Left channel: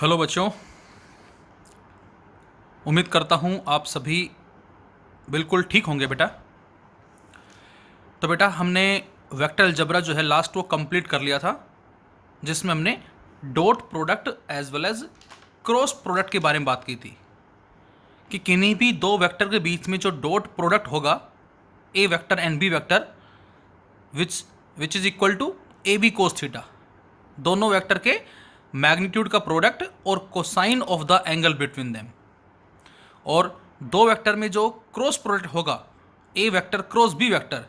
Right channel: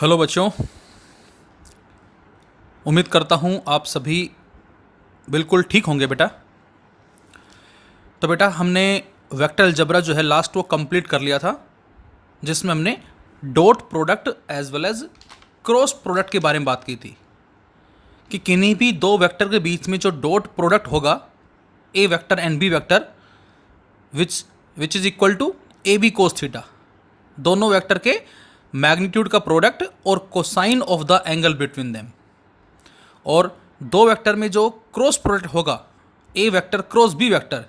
Hello बच्चों। उम्मीद करता हूँ आप सभी बिल्कुल ठीक होंगे बेटा। तो बेटा हमने वेक्टर अलजेब्रा जो है लास्ट वो कंप्लीट कर लिया था, जिसमें हमने dot product as well as cross product के बारे में बात की थी कि किन्हीं भी दो वेक्टर के बीच में जो डॉट प्रोडक्ट होगा, A vector and B vector, which which is equal to A B cos theta, दोनों वेक्टर के मैग्नीट्यूड का प्रोडक्ट और cosine of the angle between them. और दो वेक्टर में जो क्रॉस प्रोडक्ट होगा, A vector cross B vector,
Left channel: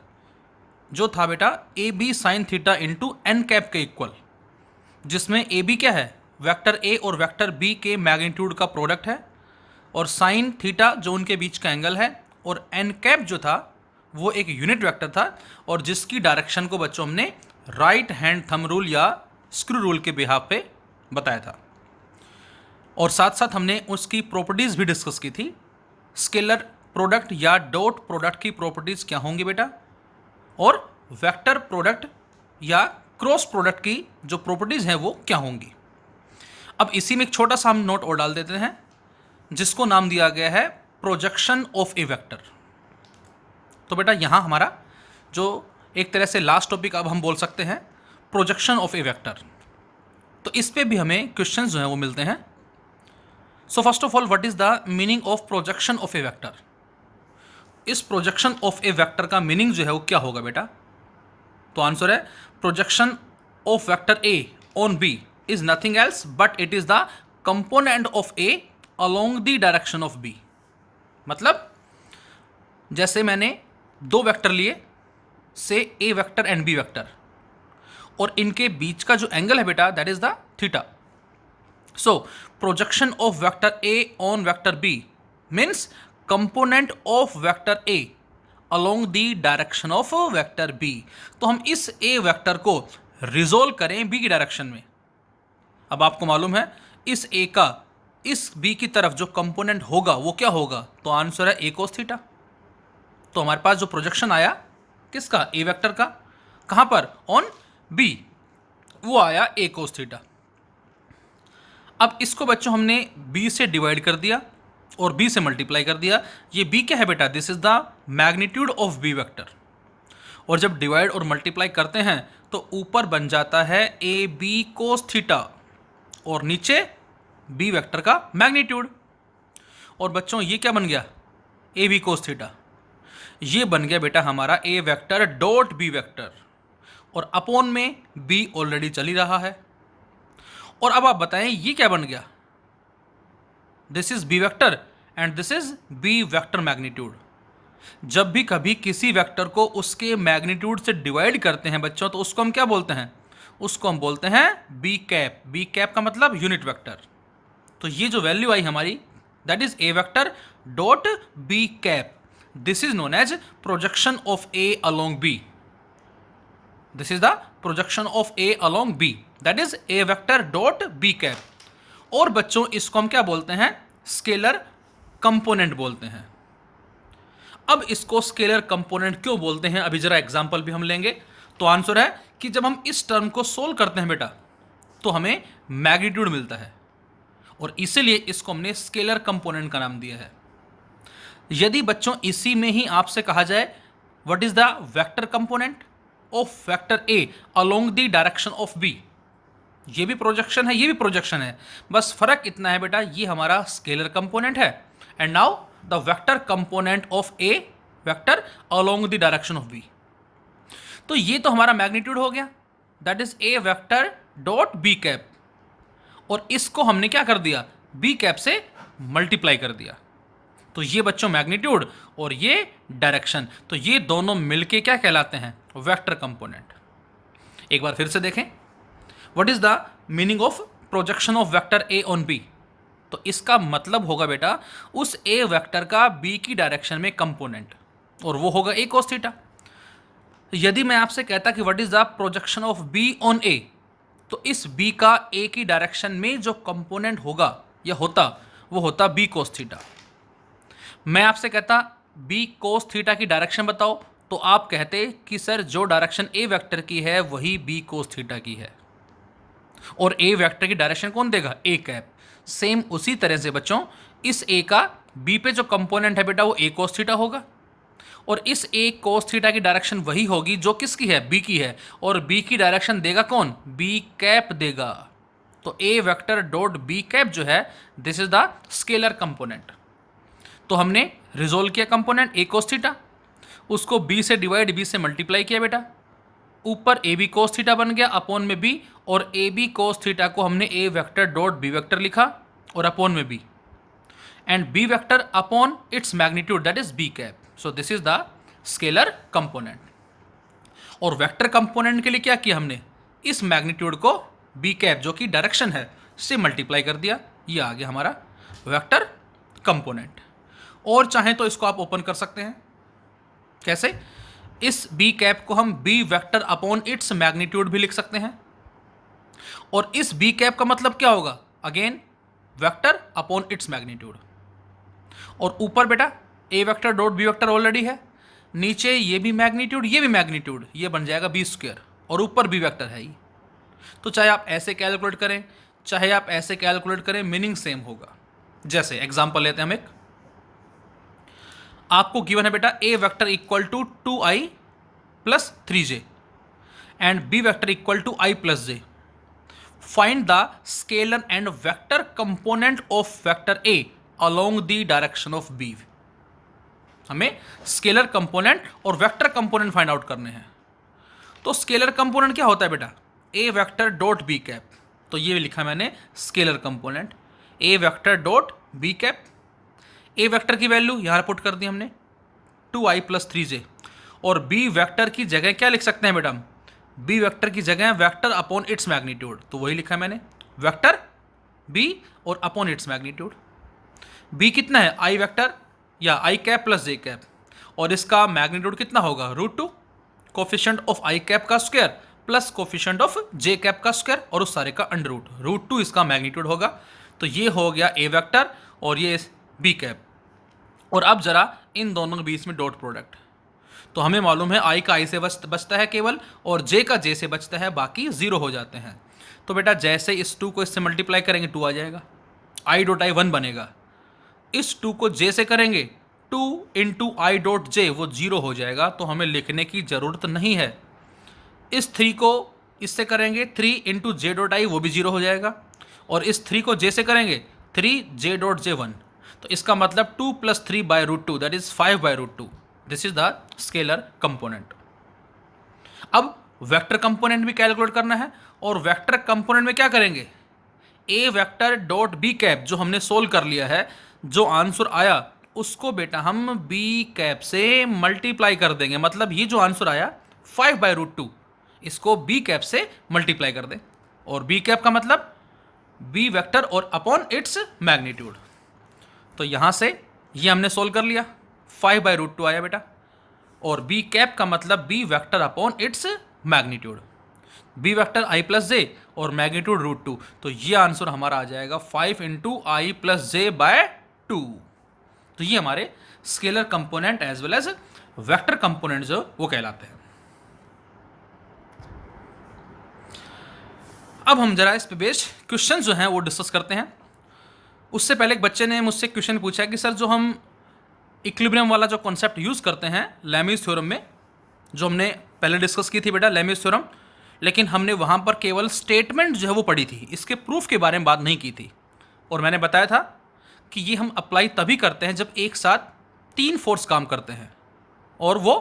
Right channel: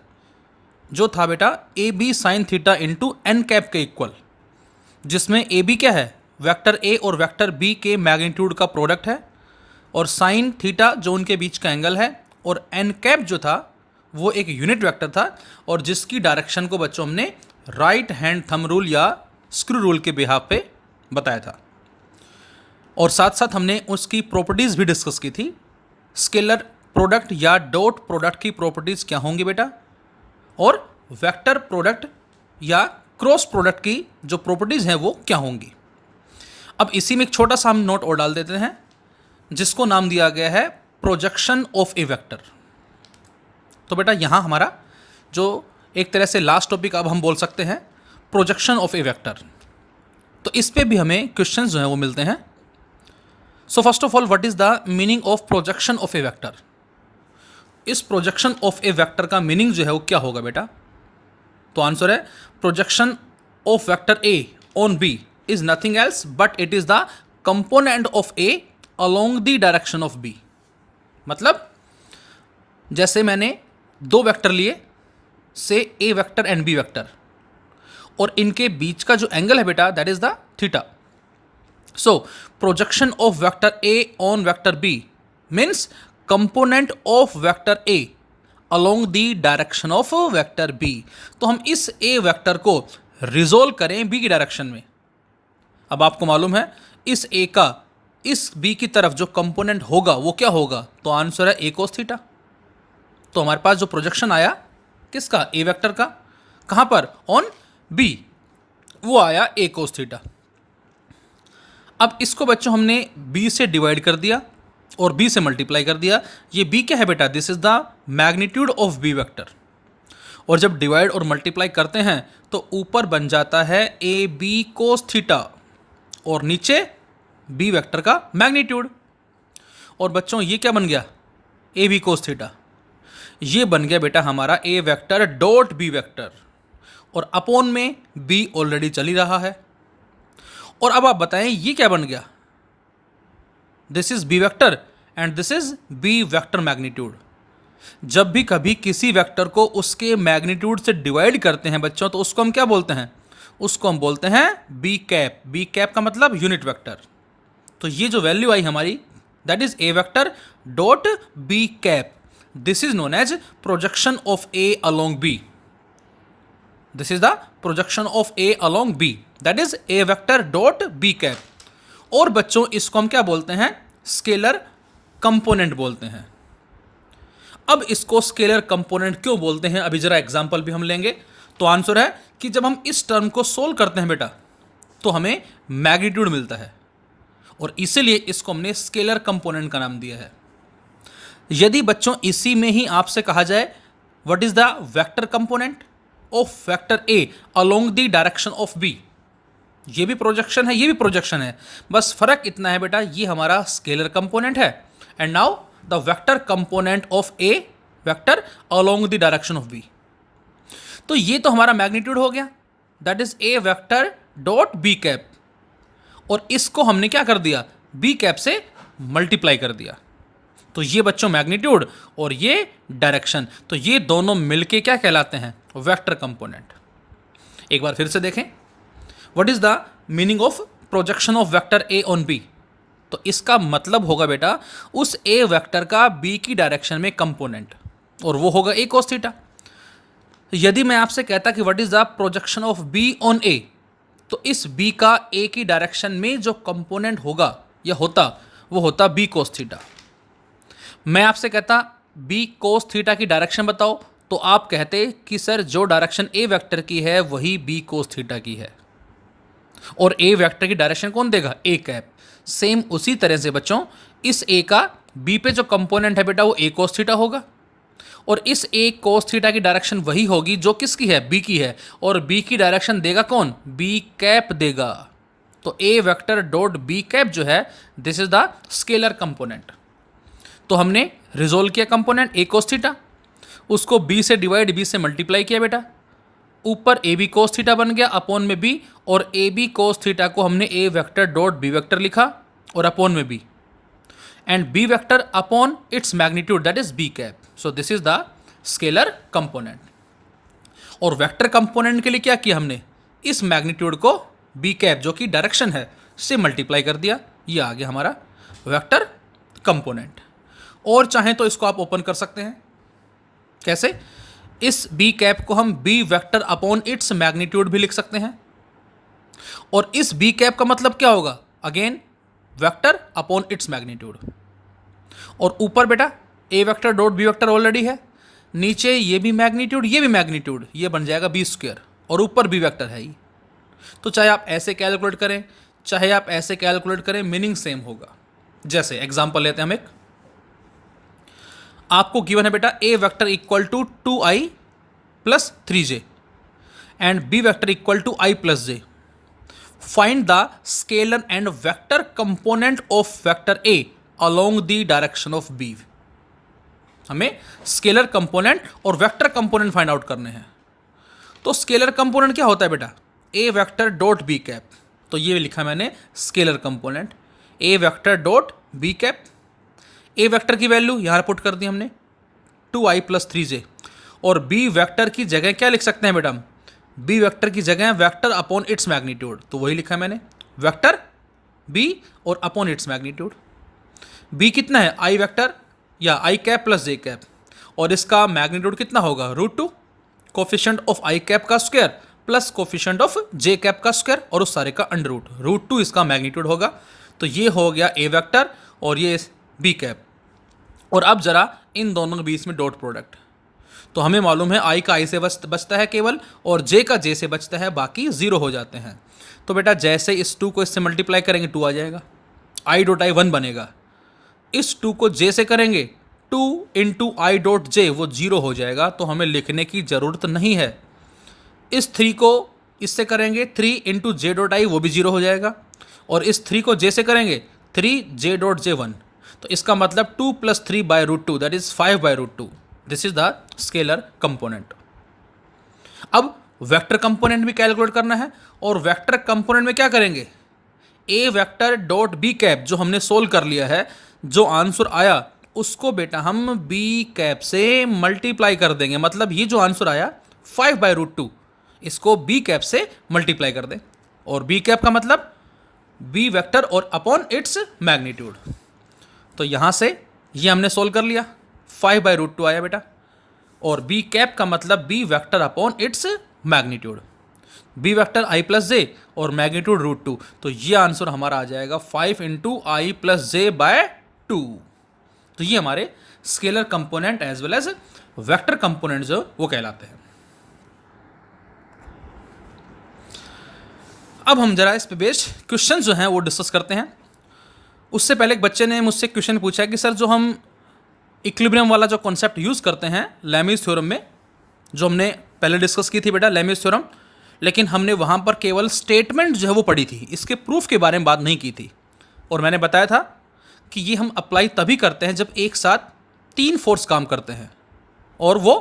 जो था बेटा A B sine theta into N cap के इक्वल, जिसमें ए बी क्या है, वेक्टर ए और वेक्टर बी के मैग्नीट्यूड का प्रोडक्ट है, और साइन थीटा जो उनके बीच का एंगल है, और एन कैप जो था वो एक यूनिट वेक्टर था, और जिसकी डायरेक्शन को बच्चों हमने राइट हैंड थंब रूल या स्क्रू रूल के बिहाफ पे बताया था। और साथ साथ हमने उसकी प्रॉपर्टीज़ भी डिस्कस की थी। स्केलर प्रोडक्ट या डॉट प्रोडक्ट की प्रॉपर्टीज़ क्या होंगी बेटा, और वेक्टर प्रोडक्ट या क्रॉस प्रोडक्ट की जो प्रॉपर्टीज़ हैं वो क्या होंगी। अब इसी में एक छोटा सा हम नोट और डाल देते हैं, जिसको नाम दिया गया है प्रोजेक्शन ऑफ ए वेक्टर। तो बेटा यहाँ हमारा जो एक तरह से लास्ट टॉपिक अब हम बोल सकते हैं, प्रोजेक्शन ऑफ ए वेक्टर। तो इस पे भी हमें क्वेश्चंस जो हैं वो मिलते हैं। So first of all, what is the meaning of projection of A vector. इस प्रोजेक्शन ऑफ ए वेक्टर का मीनिंग जो है वो क्या होगा बेटा। तो आंसर है projection of vector A on B is nothing else but it is the component of A along the direction of B. मतलब जैसे मैंने दो वेक्टर लिए, say A vector and B vector, और इनके बीच का जो एंगल है बेटा that is the theta. So, projection of vector A on vector B means component of vector A along the direction of vector B। तो हम इस A वेक्टर को रिजोल्व करें B की डायरेक्शन में। अब आपको मालूम है इस A का इस B की तरफ जो कंपोनेंट होगा वो क्या होगा, तो आंसर है A cos थीटा। तो हमारे पास जो प्रोजेक्शन आया किसका, A वेक्टर का, कहाँ पर, ऑन B, वो आया A cos थीटा। अब इसको बच्चों हमने b से डिवाइड कर दिया और b से मल्टीप्लाई कर दिया। ये b क्या है बेटा, this is the magnitude of b vector. और जब डिवाइड और मल्टीप्लाई करते हैं तो ऊपर बन जाता है ए बी कोस थीटा और नीचे b वेक्टर का मैग्नीट्यूड। और बच्चों ये क्या बन गया, ए बी कोस थीटा। ये बन गया बेटा हमारा ए वेक्टर डॉट बी वेक्टर, और अपॉन में b ऑलरेडी चल ही रहा है। और अब आप बताएं ये क्या बन गया, this is B vector and this is B vector magnitude. जब भी कभी किसी वेक्टर को उसके मैग्नीट्यूड से डिवाइड करते हैं बच्चों, तो उसको हम क्या बोलते हैं, उसको हम बोलते हैं बी कैप। बी कैप का मतलब यूनिट वेक्टर। तो ये जो वैल्यू आई हमारी that is A vector dot B cap, this is known as projection of A along B. This is the projection of A along B, that is A vector dot B cap. और बच्चों इसको हम क्या बोलते हैं, scalar component बोलते हैं। अब इसको स्केलर कंपोनेंट क्यों बोलते हैं, अभी जरा एग्जांपल भी हम लेंगे। तो आंसर है कि जब हम इस टर्म को सोल्व करते हैं बेटा तो हमें मैग्नीट्यूड मिलता है, और इसीलिए इसको हमने स्केलर कंपोनेंट का नाम दिया है। यदि बच्चों इसी में ही आपसे कहा जाए what is the vector component of vector A along the direction of B, ये भी प्रोजेक्शन है ये भी प्रोजेक्शन है, बस फर्क इतना है बेटा ये हमारा स्केलर कंपोनेंट है, and now the vector component of A vector along the direction of B. तो ये तो हमारा मैग्नीट्यूड हो गया, that is A vector dot B cap, और इसको हमने क्या कर दिया, बी कैप से मल्टीप्लाई कर दिया। तो ये बच्चों मैग्नीट्यूड और ये डायरेक्शन, तो ये दोनों मिलके क्या कहलाते हैं, वेक्टर कंपोनेंट। एक बार फिर से देखें, what is the meaning of projection of vector A on B. तो इसका मतलब होगा बेटा उस ए वेक्टर का बी की डायरेक्शन में कंपोनेंट, और वो होगा ए कोस थीटा। यदि मैं आपसे कहता कि what is the projection of B on A, तो इस बी का ए की डायरेक्शन में जो कंपोनेंट होगा या होता वो होता बी कोस थीटा। मैं आपसे कहता बी कोस थीटा की डायरेक्शन बताओ, तो आप कहते कि सर जो डायरेक्शन ए वेक्टर की है वही बी कोस थीटा की है, और ए वेक्टर की डायरेक्शन कौन देगा, ए कैप। सेम उसी तरह से बच्चों इस ए का बी पे जो कंपोनेंट है बेटा वो ए कोस थीटा होगा, और इस ए कोस थीटा की डायरेक्शन वही होगी जो किसकी है, बी की है, और बी की डायरेक्शन देगा कौन, बी कैप देगा। तो A vector dot B cap जो है this is the scalar component. तो हमने रिजोल्व किया कंपोनेंट ए कोस थीटा, उसको बी से डिवाइड बी से मल्टीप्लाई किया बेटा, ऊपर ए बी कोस थीटा बन गया अपॉन में बी, और ए बी कोस थीटा को हमने A vector dot B vector लिखा और अपॉन में B, and B vector upon its magnitude that is B cap. So this is the scalar component. और वेक्टर कंपोनेंट के लिए क्या किया हमने, इस मैग्नीट्यूड को बी कैप जो कि डायरेक्शन है से मल्टीप्लाई कर दिया, ये आ गया हमारा वेक्टर कंपोनेंट। और चाहें तो इसको आप ओपन कर सकते हैं, कैसे, इस बी कैप को हम B vector upon its magnitude भी लिख सकते हैं, और इस बी कैप का मतलब क्या होगा, again vector upon its magnitude. और ऊपर बेटा A vector dot B vector already है, नीचे ये भी मैग्नीट्यूड ये भी मैग्नीट्यूड, ये बन जाएगा बी स्क्वायर, और ऊपर बी वेक्टर है ही। तो चाहे आप ऐसे कैलकुलेट करें चाहे आप ऐसे कैलकुलेट करें, मीनिंग सेम होगा। जैसे एग्जांपल लेते हैं हम एक, आपको गिवन है बेटा A vector equal to 2i plus 3j and B vector equal to i plus j। Find the scalar and vector component of vector a along the direction of b। हमें scalar component और vector component find out करने हैं। तो scalar component क्या होता है बेटा, A vector dot B cap, तो ये लिखा मैंने scalar component A vector dot B cap. A vector की वैल्यू यहाँ पुट कर दी हमने 2i प्लस 3j, और बी वेक्टर की जगह क्या लिख सकते हैं बेटा, बी वेक्टर की जगह वेक्टर अपॉन इट्स मैग्नीट्यूड, तो वही लिखा मैंने वेक्टर बी और अपॉन इट्स मैग्नीट्यूड। बी कितना है, आई वेक्टर या आई कैप प्लस जे कैप, और इसका मैग्नीट्यूड कितना होगा, √2 कोफिशिएंट ऑफ आई कैप का square plus coefficient of J cap का स्क्वायर, और उस सारे का अंडर √2 इसका मैग्नीट्यूड होगा। तो ये हो गया ए वेक्टर और ये बी कैप। और अब जरा इन दोनों के बीच में डॉट प्रोडक्ट, तो हमें मालूम है आई का आई से बचता है केवल, और जे का जे से बचता है, बाकी जीरो हो जाते हैं। तो बेटा जैसे इस 2 को इससे मल्टीप्लाई करेंगे 2 आ जाएगा, आई डॉट आई 1 बनेगा, इस 2 को जे से करेंगे 2 इंटू आई डॉट जे वो 0 हो जाएगा, तो हमें लिखने की ज़रूरत नहीं है। इस 3 को इससे करेंगे 3 इंटू जे डॉट आई वो भी 0 हो जाएगा, और इस 3 को जे से करेंगे 3 जे डॉट जे 1, तो इसका मतलब 2 plus 3 by √2 that is 5 by √2। This is the scalar component. अब वेक्टर कंपोनेंट भी कैलकुलेट करना है, और वेक्टर कंपोनेंट में क्या करेंगे, A vector dot B cap जो हमने सोल्व कर लिया है, जो आंसर आया उसको बेटा हम बी कैप से मल्टीप्लाई कर देंगे। मतलब ये जो आंसर आया 5 बाय √2 इसको बी कैप से मल्टीप्लाई कर दें, और बी कैप का मतलब बी वेक्टर और अपॉन इट्स मैग्नीट्यूड। तो यहाँ से ये हमने सोल्व कर लिया, 5 बाय √2 आया बेटा, और बी कैप का मतलब B vector upon its magnitude, B vector I plus J और मैग्नीट्यूड √2, तो ये आंसर हमारा आ जाएगा 5 into I plus J by 2। तो ये हमारे scalar component as well as vector component जो वो कहलाते हैं। अब हम जरा इस पे बेस्ड क्वेश्चन जो हैं वो डिस्कस करते हैं। उससे पहले एक बच्चे ने मुझसे क्वेश्चन पूछा कि सर जो हम इक्विलिब्रियम वाला जो कॉन्सेप्ट यूज़ करते हैं लैमीज थ्योरम में, जो हमने पहले डिस्कस की थी बेटा लैमीज थ्योरम, लेकिन हमने वहाँ पर केवल स्टेटमेंट जो है वो पढ़ी थी, इसके प्रूफ के बारे में बात नहीं की थी। और मैंने बताया था कि ये हम अप्लाई तभी करते हैं जब एक साथ 3 फोर्स काम करते हैं और वो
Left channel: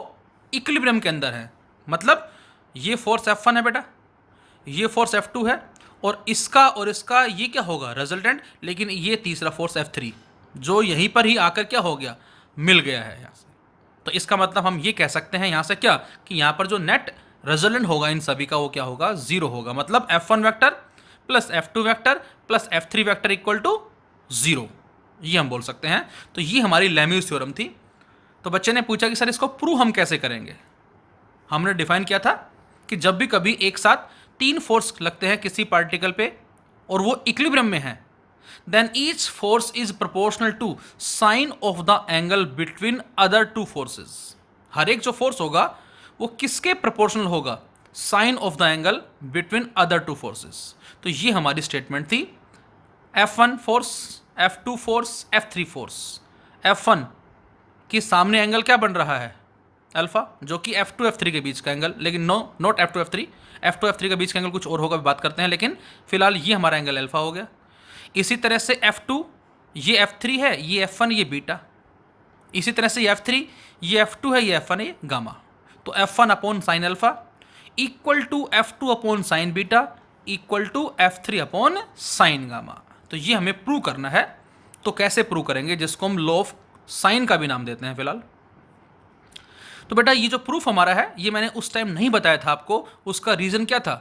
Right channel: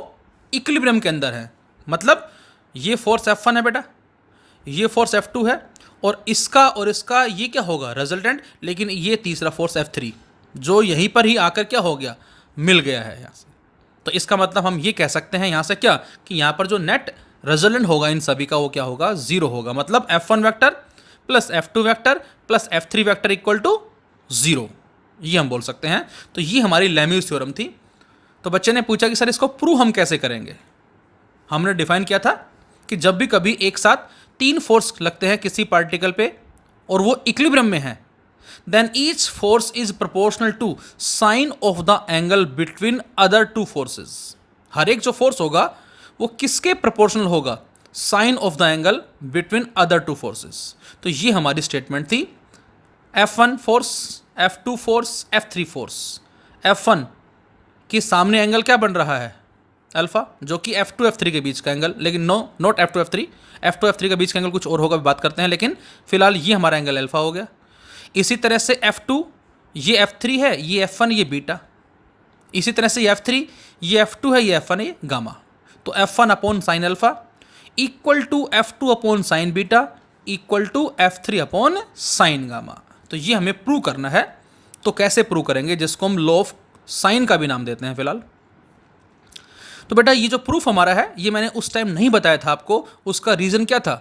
इक्विलिब्रियम के अंदर है। मतलब ये फोर्स F1 है बेटा, ये फोर्स F2 है, और इसका ये क्या होगा रिजल्टेंट, लेकिन ये तीसरा फोर्स F3 जो यहीं पर ही आकर क्या हो गया, मिल गया है यहाँ से। तो इसका मतलब हम ये कह सकते हैं यहाँ से क्या, कि यहाँ पर जो नेट रिजल्टेंट होगा इन सभी का वो क्या होगा, 0 होगा। मतलब F1 vector plus F2 vector plus F3 vector equal to 0, ये हम बोल सकते हैं। तो ये हमारी लैम्यूज थ्योरम थी। तो बच्चे ने पूछा कि सर इसको प्रूव हम कैसे करेंगे। हमने डिफाइन किया था कि जब भी कभी एक साथ 3 फोर्स लगते हैं किसी पार्टिकल पे और वो इक्विलिब्रियम में है, then each force is proportional to sine of the angle between other 2 forces. हर एक जो फोर्स होगा वो किसके प्रोपोर्शनल होगा, sine of the angle between other 2 forces. तो ये हमारी स्टेटमेंट थी F1 force, F2 force, F3 force. F1 के सामने एंगल क्या बन रहा है? अल्फा, जो कि F2 F3 के बीच का एंगल, लेकिन no, not F2 F3, F2 F3 के बीच का एंगल कुछ और होगा, बात करते हैं, लेकिन फिलहाल ये हमारा एंगल अल्फा हो गया। इसी तरह से F2, ये F3 है, ये F1, ये बीटा। इसी तरह से ये F3, ये F2 है, ये F1 है, ये गामा। तो F1 upon sine alpha equal to F2 upon sine beta equal to F3 upon sine gamma. तो ये हमें प्रूव करना है। तो कैसे प्रूव करेंगे, जिसको हम लॉ ऑफ साइन का भी नाम देते हैं फिलहाल। तो बेटा ये जो प्रूफ हमारा है, ये मैंने उस टाइम नहीं बताया था आपको। उसका रीज़न क्या था?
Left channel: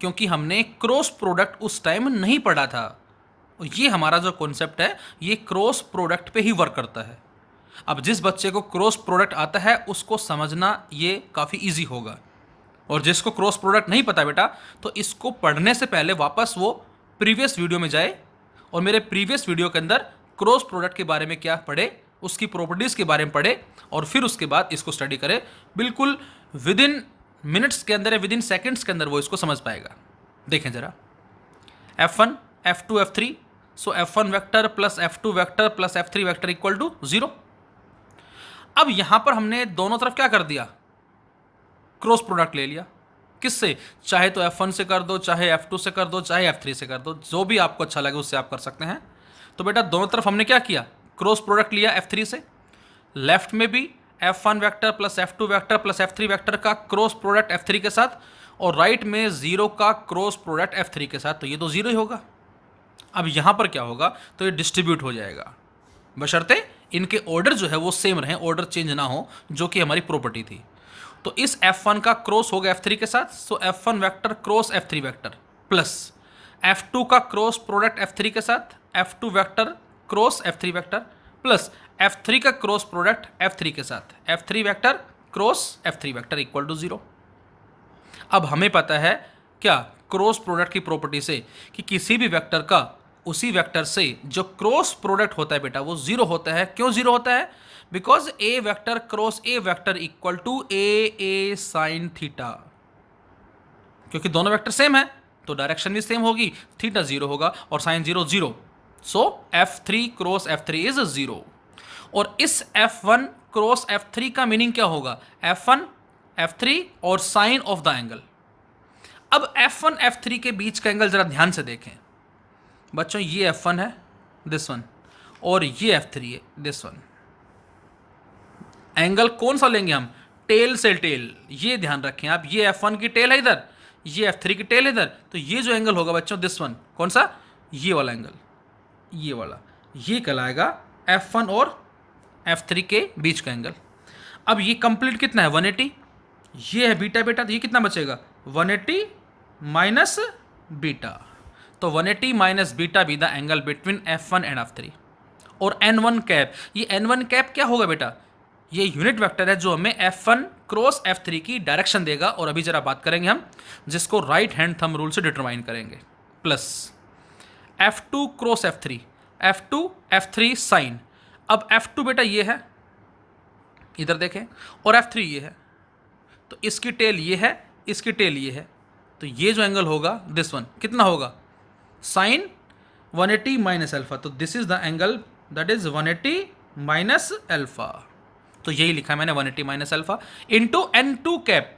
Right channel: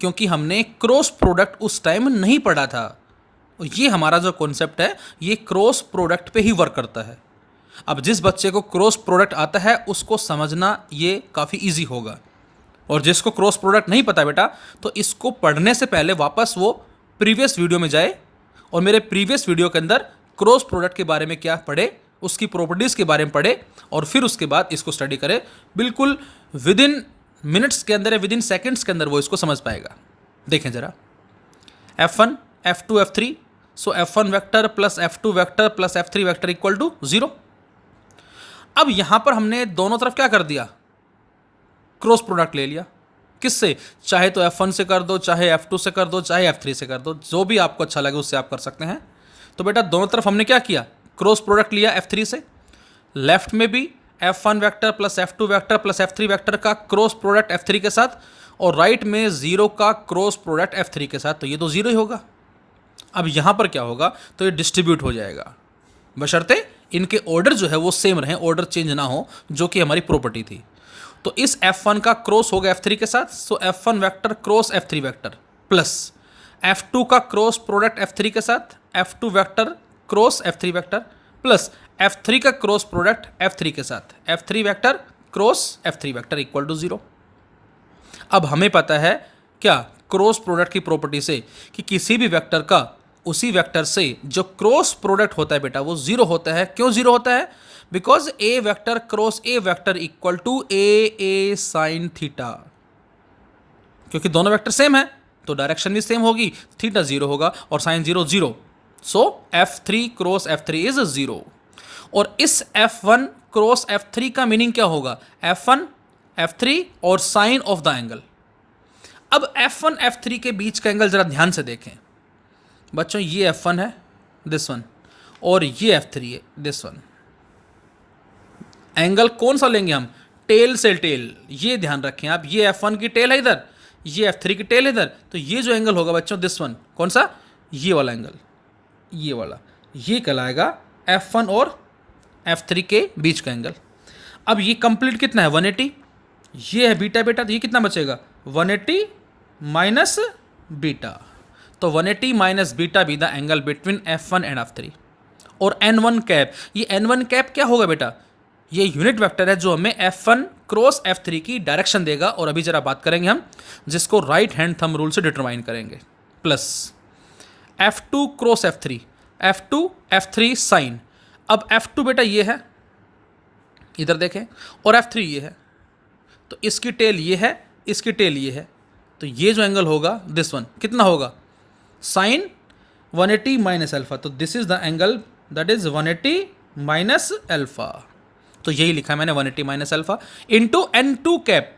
क्योंकि हमने क्रॉस प्रोडक्ट उस टाइम नहीं पढ़ा था। ये हमारा जो कॉन्सेप्ट है, ये क्रॉस प्रोडक्ट पे ही वर्क करता है। अब जिस बच्चे को क्रॉस प्रोडक्ट आता है उसको समझना ये काफ़ी इजी होगा, और जिसको क्रॉस प्रोडक्ट नहीं पता बेटा, तो इसको पढ़ने से पहले वापस वो प्रीवियस वीडियो में जाए और मेरे प्रीवियस वीडियो के अंदर क्रॉस प्रोडक्ट के बारे में क्या पढ़े, उसकी प्रॉपर्टीज़ के बारे में पढ़े, और फिर उसके बाद इसको स्टडी करे। बिल्कुल विद इन मिनट्स के अंदर या विद इन सेकेंड्स के अंदर वो इसको समझ पाएगा। देखें ज़रा, F1 F2 F3, so F1 vector plus F2 vector plus F3 vector equal to 0। अब यहाँ पर हमने दोनों तरफ क्या कर दिया? क्रॉस प्रोडक्ट ले लिया। किससे? चाहे तो F1 से कर दो, चाहे F2 से कर दो, चाहे F3 से कर दो, जो भी आपको अच्छा लगे उससे आप कर सकते हैं। तो बेटा दोनों तरफ हमने क्या किया? क्रॉस प्रोडक्ट लिया F3 से। लेफ्ट में भी F1 vector plus F2 vector plus F3 vector का क्रॉस प्रोडक्ट F3 के साथ, और राइट में 0 का क्रॉस प्रोडक्ट F3 के साथ। तो ये तो 0 ही होगा। अब यहाँ पर क्या होगा? तो ये डिस्ट्रीब्यूट हो जाएगा, बशर्ते इनके ऑर्डर जो है वो सेम रहें, ऑर्डर चेंज ना हो, जो कि हमारी प्रॉपर्टी थी। तो इस F1 का क्रॉस होगा F3 के साथ, सो F1 vector cross F3 vector plus F2 का क्रॉस प्रोडक्ट F3 के साथ, F2 vector cross F3 vector plus F3 का क्रॉस प्रोडक्ट F3 के साथ, F3 vector cross F3 vector equal to 0। अब हमें पता है क्या क्रॉस प्रोडक्ट की प्रॉपर्टी से कि किसी भी वेक्टर का उसी वेक्टर से जो क्रॉस प्रोडक्ट होता है बेटा वो 0 होता है। क्यों 0 होता है? Because A vector cross A vector equal to A sine theta. क्योंकि दोनों वेक्टर सेम है तो डायरेक्शन भी सेम होगी, थीटा 0 होगा और sign 0 0। So F3 cross F3 is 0। और इस F1 क्रॉस F3 का मीनिंग क्या होगा? F1 F3 और साइन ऑफ द एंगल। अब F1 F3 के बीच का एंगल जरा ध्यान से देखें बच्चों। ये F1 है, दिस वन, और ये F3 है, दिस वन। एंगल कौन सा लेंगे हम? टेल से टेल। ये ध्यान रखें आप, ये F1 की टेल है इधर, ये F3 की टेल है इधर। तो ये जो एंगल होगा बच्चों, दिस वन, कौन सा? ये वाला एंगल, ये वाला, ये कहलाएगा F1 और F3 के बीच का एंगल। अब ये कंप्लीट कितना है? 180। ये है बीटा बेटा, तो ये कितना बचेगा? 180 माइनस बीटा। तो 180 minus beta B the angle between F1 and F3। और N1 कैप, ये N1 कैप क्या होगा बेटा? ये यूनिट वेक्टर है जो हमें F1 क्रॉस F3 की डायरेक्शन देगा, और अभी जरा बात करेंगे हम, जिसको राइट हैंड थंब रूल से डिटरमाइन करेंगे। Plus F2 cross F3, F2 F3 sine. अब F2 बेटा ये है, इधर देखें, और F3 ये है, तो इसकी टेल ये है, इसकी टेल ये है। तो ये जो एंगल होगा दिस वन कितना होगा? Sine 180 minus alpha. तो this is the angle that is 180 minus alpha. तो यही लिखा मैंने, 180 minus alpha into N2 cap.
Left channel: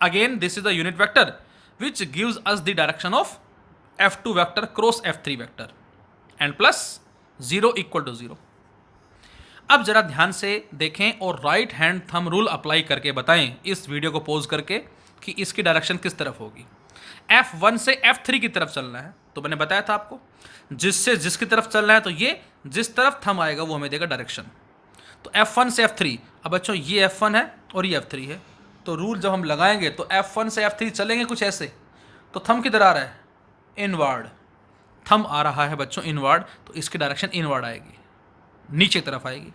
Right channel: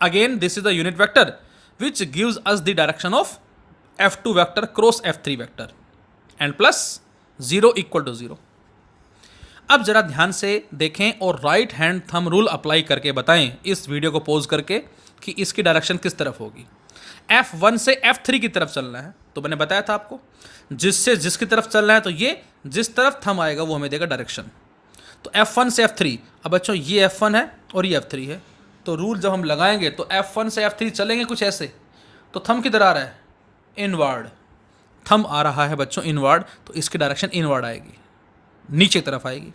Again this is the unit vector which gives us the direction of F2 vector cross F3 vector, and plus 0 equal to 0। अब जरा ध्यान से देखें और right hand thumb rule apply करके बताएं इस video को पॉज करके कि इसकी डायरेक्शन किस तरफ होगी। F1 से F3 की तरफ चलना है, तो मैंने बताया था आपको जिससे जिसकी तरफ चलना है, तो ये जिस तरफ थंब आएगा वो हमें देगा डायरेक्शन। तो F1 से F3, अब बच्चों ये F1 है और ये F3 है, तो रूल जब हम लगाएंगे तो F1 से F3 चलेंगे कुछ ऐसे। तो थंब किधर आ रहा है? इनवर्ड। थंब आ रहा है बच्चों इनवर्ड, तो इसकी डायरेक्शन इनवर्ड आएगी, नीचे तरफ आएगी।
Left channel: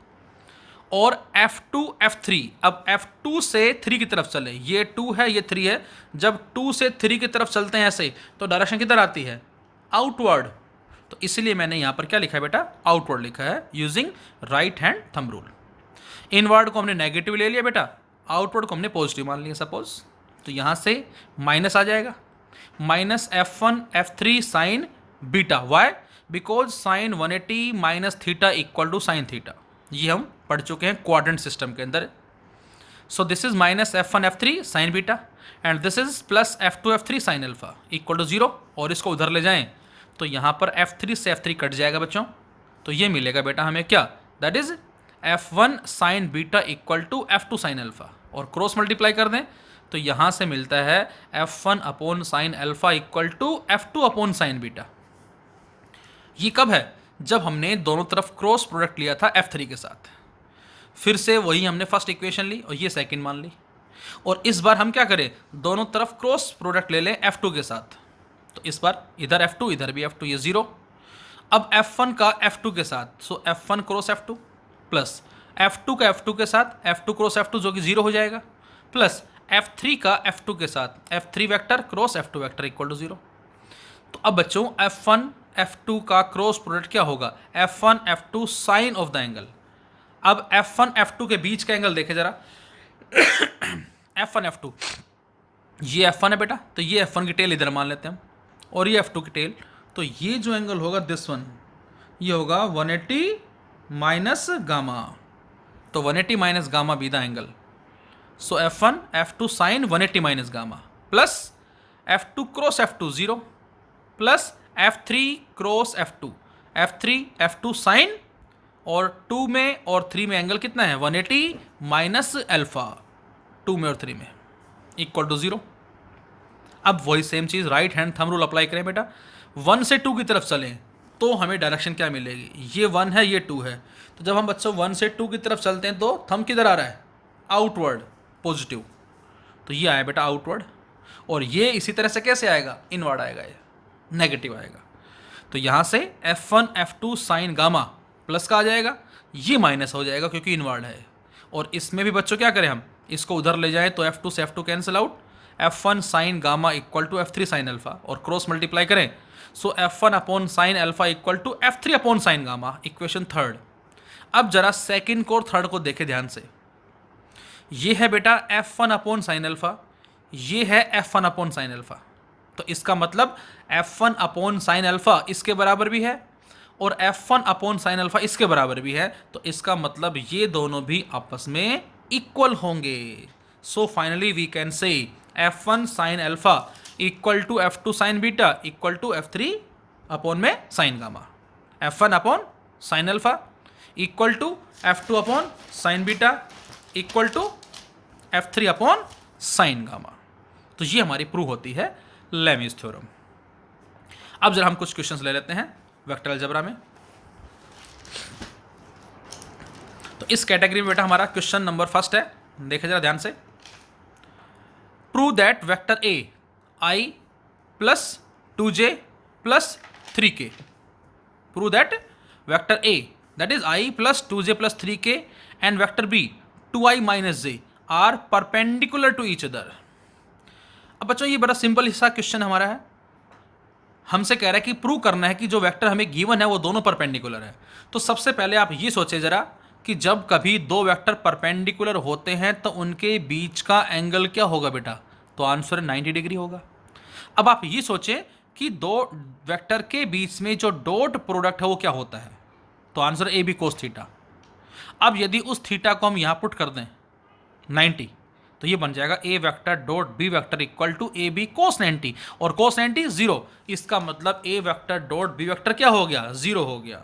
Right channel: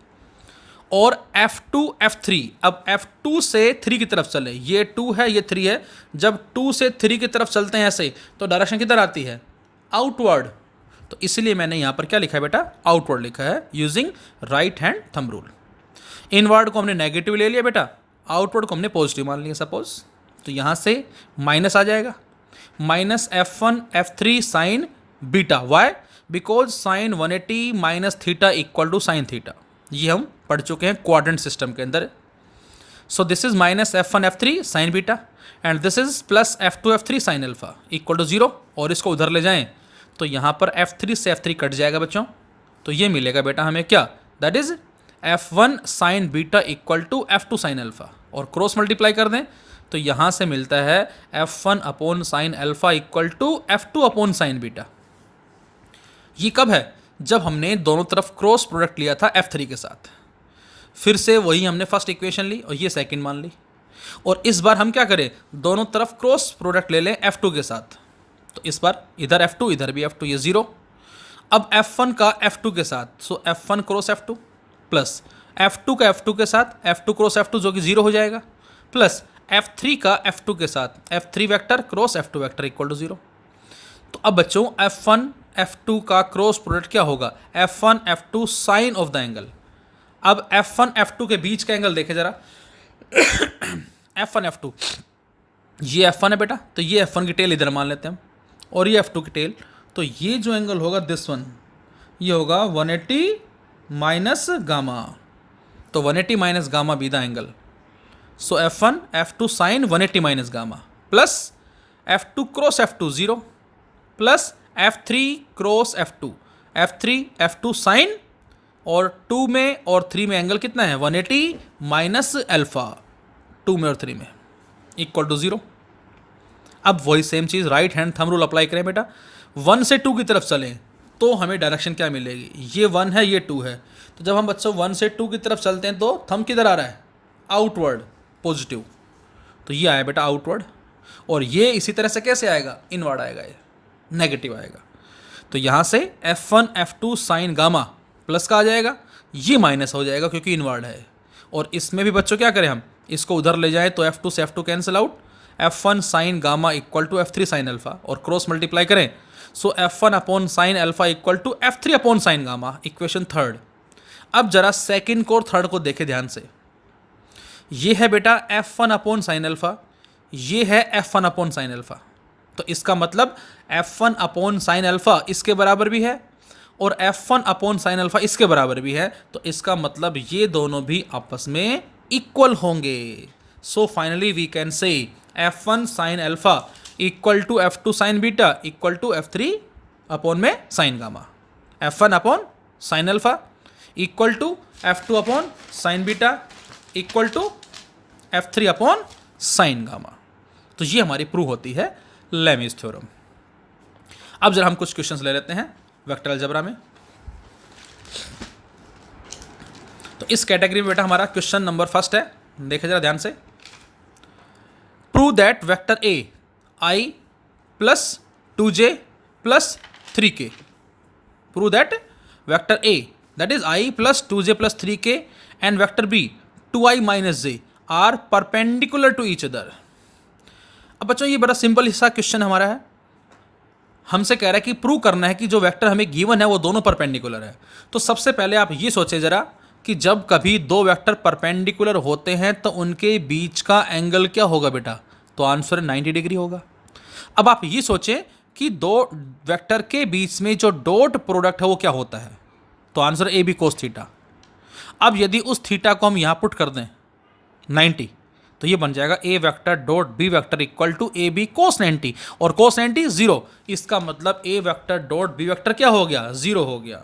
और F2 F3, अब F2 से 3 की तरफ चले, ये 2 है ये 3 है, जब 2 से 3 की तरफ चलते हैं ऐसे, तो डायरेक्शन किधर आती है? आउटवर्ड। तो इसलिए मैंने यहाँ पर क्या लिखा है बेटा? आउटवर्ड लिखा है, using right hand thumb rule. Inward को हमने नेगेटिव ले लिया बेटा, आउटवर्ड को हमने पॉजिटिव मान लिया सपोज। तो यहाँ से माइनस आ जाएगा, minus F1 F3 sine beta. Why? Because sine 180 minus theta equal to sine theta, ये हम पढ़ चुके हैं क्वाड्रेंट सिस्टम के अंदर। So this is minus F1 F3 sine beta and this is plus F2 F3 sine alpha equal to 0, और इसको उधर ले जाएं तो यहाँ पर F3 से F3 कट जाएगा बच्चों, तो ये मिलेगा बेटा हमें क्या, that is F1 sine beta equal to F2 sine alpha, और क्रॉस मल्टीप्लाई कर दें तो यहाँ से मिलता है F1 upon sine alpha equal to F2 upon sine beta. ये कब है, जब हमने दोनों तरफ क्रॉस प्रोडक्ट लिया था F3 के साथ। फिर से वही हमने फर्स्ट इक्वेशन ली और ये सेकंड मान ली, और इस बार हम क्या करें, दोनों तरफ क्रॉस प्रोडक्ट ले लें F2 के साथ, तो इस बार इधर F2 इधर भी F2, ये 0। अब F1 का F2 के साथ, सो F1 cross F2 plus F2 का F2 के साथ F2 क्रॉस F2 जो कि 0 हो जाएगा, प्लस F3 का F2 के साथ F3 vector cross F2 vector equal to 0। तो अब बच्चों F1 F2 का क्रॉस प्रोडक्ट क्या होगा, F1 F2 sign of the angle. अब F1 F2 के बीच का एंगल देखे जरा F1 F2, ये F1 है बेटा, तो ये F1 की टेल इधर मान लेते हैं हम, और ये F2 की टेल, तो ये जो एंगल होगा दिस वन, ये होगा 180 माइनस गामा, तो 180 minus gamma be the angle. So F1 F2 sine 180 minus gamma plus F2 cross F2 0 plus F3 cross F2 F3 F2 sine, और 2 में और 3 में एंगल कितना है 180 माइनस अल्फा, 2 में और 3 में इक्वल टू 0। अब वही सेम चीज़ right hand thumb rule apply करें बेटा, 1 से 2 की तरफ चलें तो हमें डायरेक्शन क्या मिलेगी, ये 1 है ये 2 है, तो जब हम बच्चों 1 से 2 की तरफ चलते हैं तो थंब किधर आ रहा है, आउटवर्ड पॉजिटिव, तो ये आया बेटा आउटवर्ड, और ये इसी तरह से कैसे आएगा, इनवर्ड आएगा, ये नेगेटिव आएगा। तो यहाँ से F1 F2 sign gamma plus का आ जाएगा, ये माइनस हो जाएगा क्योंकि इनवर्ड है, और इसमें भी बच्चों क्या करें हम, इसको उधर ले जाएं तो F2 से F2 cancel out, F1 sine gamma equal to F3 sine alpha, और क्रॉस मल्टीप्लाई करें so F1 upon sine alpha equal to F3 upon sine gamma, equation third. अब जरा सेकंड को और थर्ड को देखें ध्यान से, ये है बेटा F1 अपॉन साइन अल्फा, ये है F1 अपॉन साइन अल्फा, तो इसका मतलब F1 अपॉन साइन अल्फा इसके बराबर भी है और F1 अपॉन साइन अल्फा इसके बराबर भी है, तो इसका मतलब ये दोनों भी आपस में इक्वल होंगे। So finally we can say F1 sine alpha equal to F2 sine beta equal to F3 upon में sine gamma, F1 upon sine alpha equal to F2 upon sine beta equal to F3 upon sine gamma. तो ये हमारी prove होती है Lami's theorem. अब जरा हम कुछ क्वेश्चंस ले लेते हैं वेक्टर अलजेब्रा में। तो इस कैटेगरी में बेटा हमारा क्वेश्चन नंबर फर्स्ट है, देखें जरा ध्यान से, prove that vector A I plus 2j plus 3k, prove that vector A that is I plus 2j plus 3k and vector B 2i minus j are perpendicular to each other. अब बच्चों ये बड़ा simple हिस्सा question हमारा है, हमसे कह रहा है कि प्रूव करना है कि जो वेक्टर हमें गिवन है वो दोनों परपेंडिकुलर है। तो सबसे पहले आप ये सोचें जरा कि जब कभी दो वेक्टर परपेंडिकुलर होते हैं तो उनके बीच का एंगल क्या होगा बेटा, तो आंसर 90 डिग्री होगा। अब आप ये सोचें कि दो वेक्टर के बीच में जो डॉट प्रोडक्ट है वो क्या होता है, तो answer A B cos theta. अब यदि उस थीटा को हम यहाँ पुट कर दें 90, तो ये बन जाएगा A vector dot B vector equal to A B cos 90, और कोस 90 0, इसका मतलब A vector dot B vector क्या हो गया, 0 हो गया।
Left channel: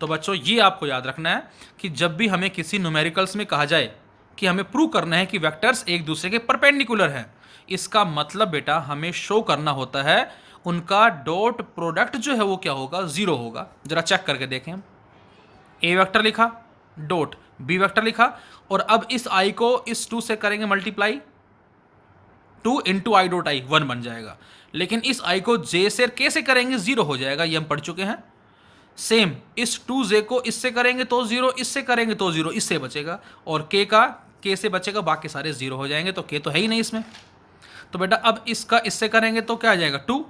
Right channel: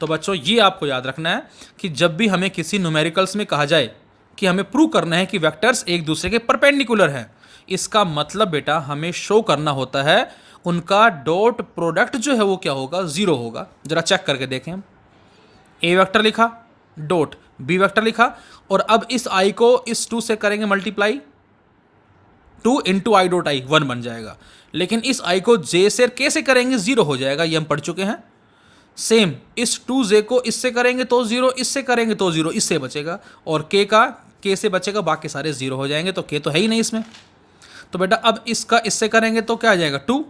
तो बच्चों ये आपको याद रखना है कि जब भी हमें किसी न्यूमेरिकल्स में कहा जाए कि हमें प्रूव करना है कि वेक्टर्स एक दूसरे के परपेंडिकुलर हैं, इसका मतलब बेटा हमें शो करना होता है उनका डॉट प्रोडक्ट जो है वो क्या होगा, 0 होगा। जरा चेक करके देखें, हम ए वेक्टर लिखा डॉट बी वेक्टर लिखा, और अब इस आई को इस 2 से करेंगे multiply, 2 into I dot I 1 बन जाएगा, लेकिन इस आई को जे से के से करेंगे 0 हो जाएगा, ये हम पढ़ चुके हैं। सेम इस 2j को इससे करेंगे तो 0, इससे करेंगे तो 0, इससे बचेगा, और के से बचेगा, बाकी सारे 0 हो जाएंगे, तो के तो है ही नहीं इसमें। तो बेटा अब इसका इससे करेंगे तो क्या आ जाएगा 2,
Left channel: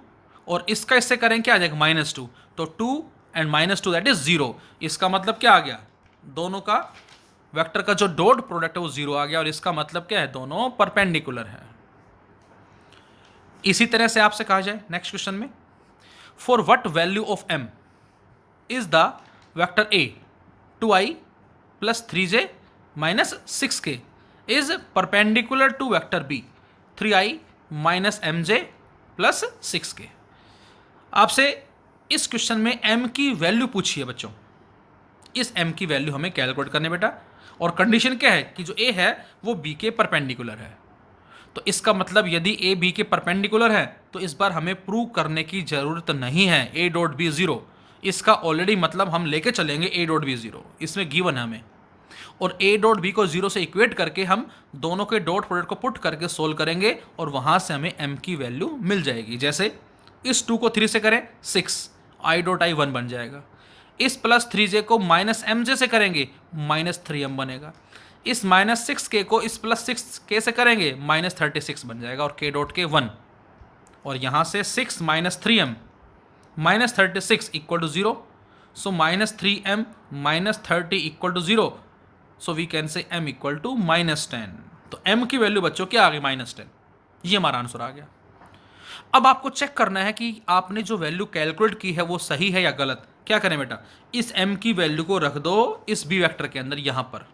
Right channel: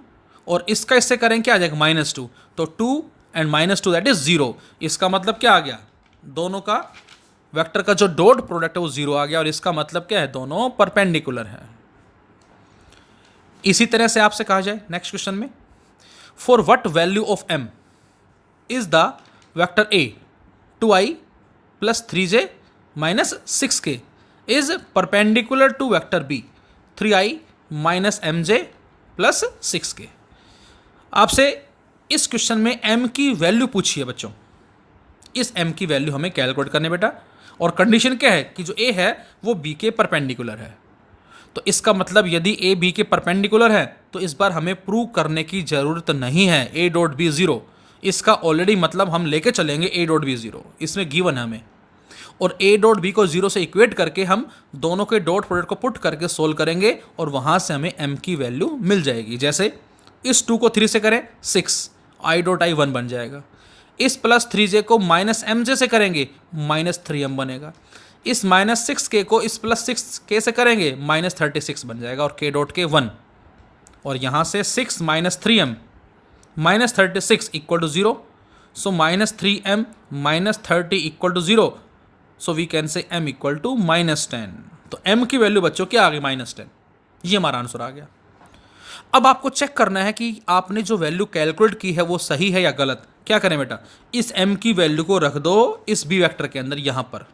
और इसका इससे करेंगे क्या आ जाएगा -2, तो 2 एंड -2 दैट इज 0। इसका मतलब क्या आ गया, दोनों का वेक्टर का जो डॉट प्रोडक्ट है वो 0 आ गया, और इसका मतलब क्या है, दोनों परपेंडिकुलर है। इसी तरह से आपसे कहा जाए नेक्स्ट क्वेश्चन में, for what value of m is the vector A 2i plus 3j minus 6k is perpendicular to vector B 3i minus mj plus 6k। आपसे इस क्वेश्चन में m की वैल्यू पूछी है बच्चों, इस m की वैल्यू हमें कैलकुलेट करने बेटा, और कंडीशन क्या है कि जो a है वो b के परपेंडिकुलर है। तो इसका मतलब यदि a b के परपेंडिकुलर है तो इस बार हमें प्रूव करने की ज़रूरत नहीं है a डॉट बी ज़ीरो, इसका ऑलरेडी मतलब हम लेके चलेंगे a डॉट बी ज़ीरो, इसमें गिवन है हमें, और a डॉट बी को ज़ीरो से इक्वेट करके हम दोनों के डॉट प्रोडक्ट को पुट करके सोल्व करेंगे और वहाँ से हमें m की वैल्यू मिल जाएगी। जैसे इस 2 को 3 से करें 6, i डॉट आई 1 बन जाएगा। इस प्लस 3j को माइनस mj से करेंगे माइनस 3m बनेगा। इस माइनस 6k को इस प्लस 6k से करेंगे माइनस 36 बन जाएगा और k डॉट के 1, और यहाँ से 6 minus 3m minus 36 equal to 0, so minus 3m minus 30 equal to 0, so we can say m equal to minus 10। तो m की वैल्यू बच्चों क्या आ गई माइनस 10, ये हमारा आंसर आ गया। अब आपको चेक करना है कि आपने जो वैल्यू कैलकुलेट की है वो सही है या गलत। क्या करें बेटा, इस m की वैल्यू को रख दो इस b वेक्टर के अंदर यहाँ पर,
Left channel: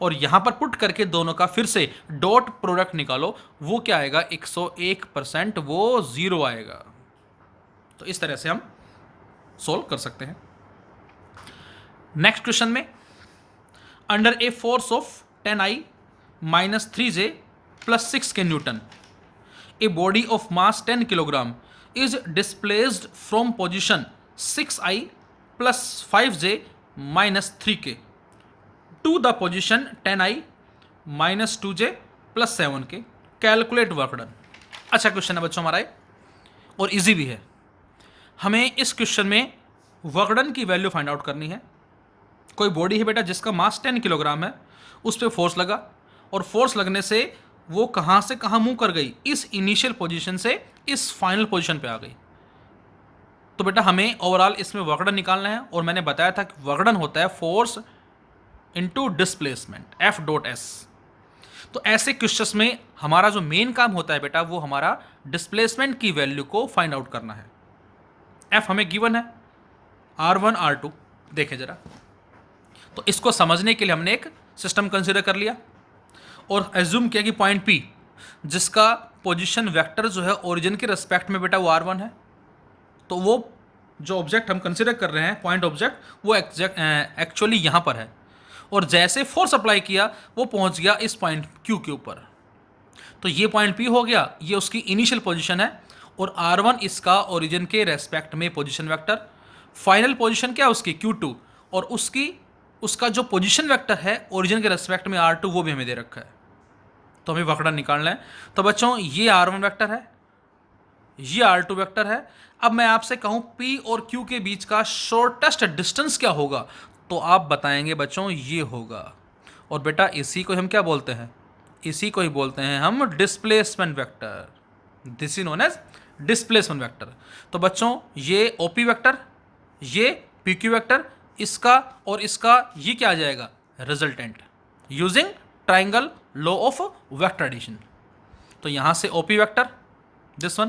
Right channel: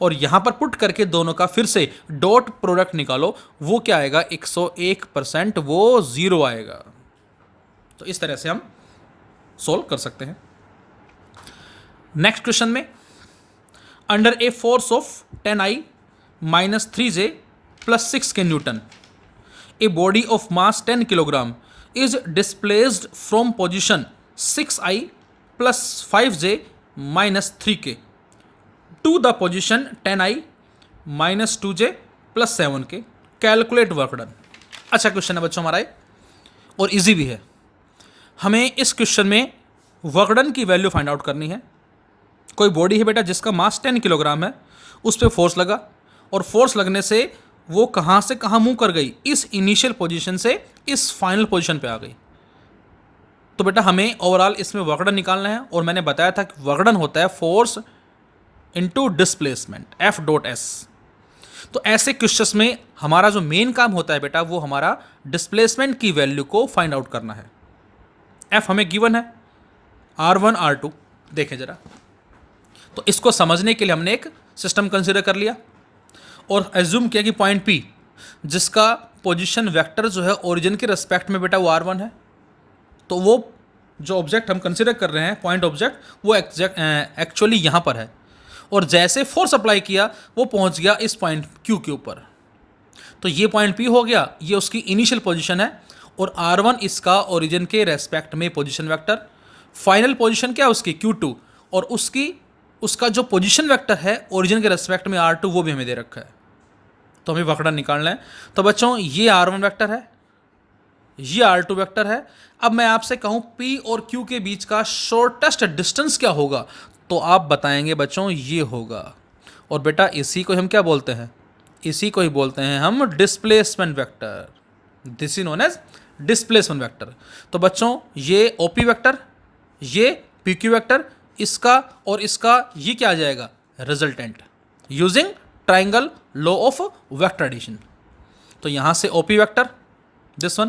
और यहाँ पर पुट करके दोनों का फिर से डॉट प्रोडक्ट निकालो, वो क्या आएगा 101%, वो 0 आएगा। तो इस तरह से हम सोल्व कर सकते हैं। नेक्स्ट क्वेश्चन में, under a force of 10i minus 3j plus 6k Newton a body of mass 10 kilogram is displaced from position 6i plus 5j minus 3k to the position 10i minus 2j plus 7k, calculate work done. अच्छा question है बच्चों हमारा ये, और easy भी है। हमें इस क्वेश्चन में वर्क डन की वैल्यू फाइंड आउट करनी है। कोई बॉडी है बेटा जिसका मास 10 किलोग्राम है, उस पर फोर्स लगा, और फोर्स लगने से वो कहाँ से कहाँ मूव कर गई, इस इनिशियल पोजीशन से इस फाइनल पोजीशन पे आ गई। तो बेटा हमें ओवरऑल इसमें वर्कडन निकालना है, और मैंने बताया था कि वर्कडन होता है force into displacement F dot S। तो ऐसे क्वेश्चंस में हमारा जो मेन काम होता है बेटा वो हमारा डिस्प्लेसमेंट की वैल्यू को फाइंड आउट करना है। F हमें गिवन है R1 R2, देखें जरा। तो इसको समझने के लिए हमने एक सिस्टम कंसिडर कर लिया और एज्यूम किया कि पॉइंट P जिसका पोजीशन वेक्टर जो है ओरिजिन के रिस्पेक्ट में बेटा वो R1 है, तो वो जो ऑब्जेक्ट हम कंसिडर कर रहे हैं पॉइंट ऑब्जेक्ट, वो एक्चुअली यहाँ पर है, और जैसे फोर्स अप्लाई किया वो पहुँच गया इस पॉइंट Q के ऊपर। तो ये पॉइंट P हो गया, ये उसकी इनिशियल पोजीशन है, और R1 इसका ओरिजिन के रेस्पेक्ट में पोजीशन वेक्टर, फाइनल पोजीशन क्या है उसकी Q2, और उसका जो पोजीशन वेक्टर है ओरिजिन के रेस्पेक्ट में R2 वो भी हमें दे रखा है। तो हमें वर्क डन निकालना है। तो बच्चों ये R1 वेक्टर है, ये R2 वेक्टर है। अब मैं आपसे कहूँ P और Q के बीच का शॉर्टेस्ट डिस्टेंस क्या होगा, तो आप बताएंगे बच्चों ये होगा, और बेटा इसी को हम क्या बोलते हैं, इसी को ही बोलते हैं हम displacement vector. This is known as displacement vector. तो बच्चों ये OP वेक्टर, ये PQ वेक्टर, इसका और इसका ये क्या आ जाएगा resultant, using triangle law of vector addition. तो यहाँ से OP vector this one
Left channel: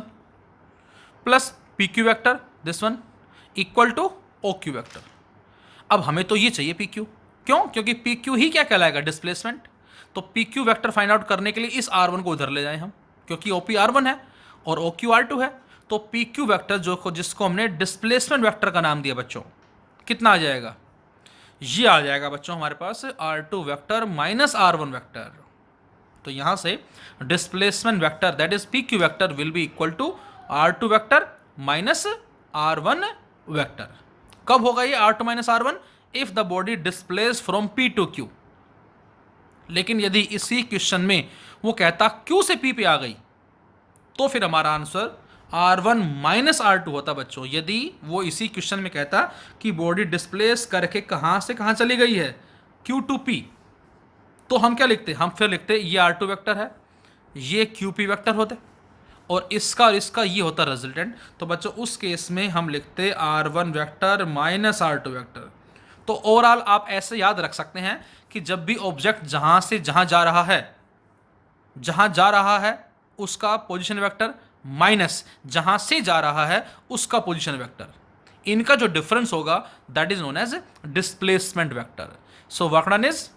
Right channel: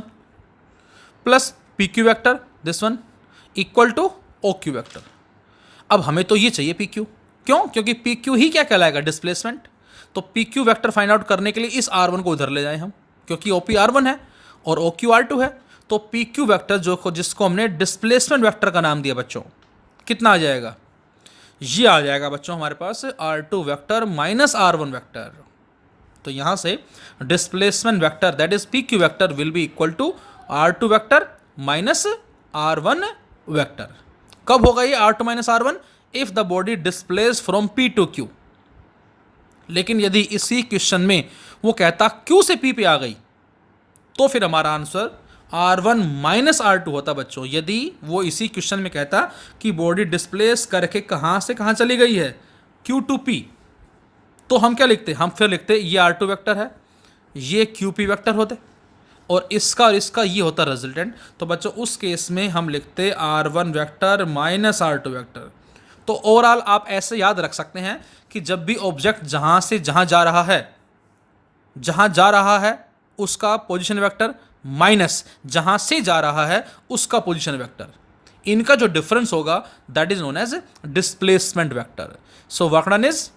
plus PQ vector this one equal to OQ vector. अब हमें तो ये चाहिए PQ, क्यों, क्योंकि PQ ही क्या कहलाएगा डिस्प्लेसमेंट। तो PQ वेक्टर फाइंड आउट करने के लिए इस R1 को उधर ले जाएं हम, क्योंकि OP R1 है और OQ R2 है। तो PQ वेक्टर जिसको हमने डिस्प्लेसमेंट वेक्टर का नाम दिया बच्चों, कितना आ जाएगा, ये आ जाएगा बच्चों हमारे पास R2 vector minus R1 vector. तो यहाँ से displacement vector that is PQ vector will be equal to R2 vector minus R1 vector. कब होगा ये R2 minus R1, if the body displace from P to Q। लेकिन यदि इसी question में वो कहता Q से P पे आ गई, तो फिर हमारा आंसर R1 माइनस R2 होता बच्चों। यदि वो इसी क्वेश्चन में कहता कि बॉडी डिस्प्लेस करके कहाँ से कहाँ चली गई है Q टू P, तो हम क्या लिखते, हम फिर लिखते ये R2 वेक्टर है, ये QP वेक्टर होते, और इसका ये होता रिजल्टेंट। तो बच्चों उस केस में हम लिखते R1 vector minus R2 vector. तो ओवरऑल आप ऐसे याद रख सकते हैं कि जब भी ऑब्जेक्ट जहाँ से जहाँ जा रहा है उसका पोजीशन वेक्टर माइनस जहाँ से जा रहा है उसका पोजीशन वेक्टर। इनका जो डिफरेंस होगा that is known as displacement vector. So work done is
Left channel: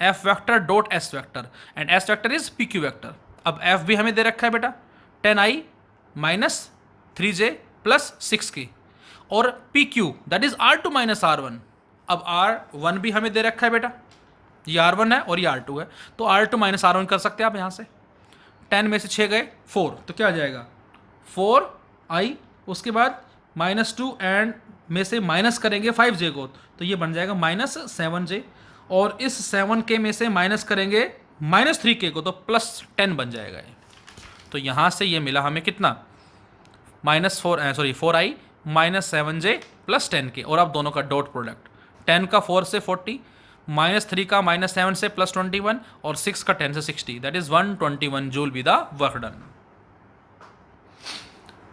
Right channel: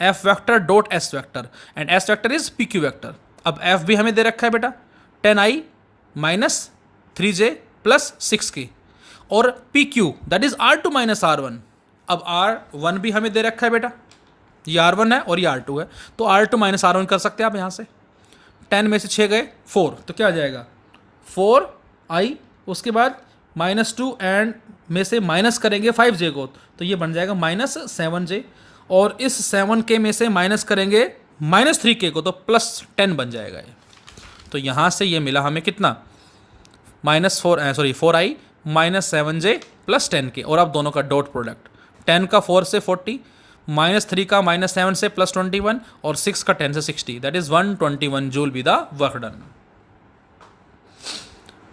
F vector dot S vector and S vector is P Q vector. अब एफ भी हमें दे रखा है बेटा 10i minus 3j plus 6k और P Q that is R2 minus R1. अब R1 भी हमें दे रखा है बेटा, ये R1 है और ये R2 है, तो R2 माइनस R1 कर सकते हैं आप यहाँ से. 10 में से 6 गए 4, तो क्या आ जाएगा 4i, उसके बाद -2 एंड में से माइनस करेंगे 5j को, तो ये बन जाएगा -7j और इस 7k में से माइनस करेंगे -3k को, तो +10 बन जाएगा ये. तो यहाँ से ये मिला हमें कितना -4i -7j प्लस 10k और अब दोनों का डॉट प्रोडक्ट 10 का 4 से 40 -3 का -7 से +21 और 6 का 10 से 60 that is 121 joule be the work done.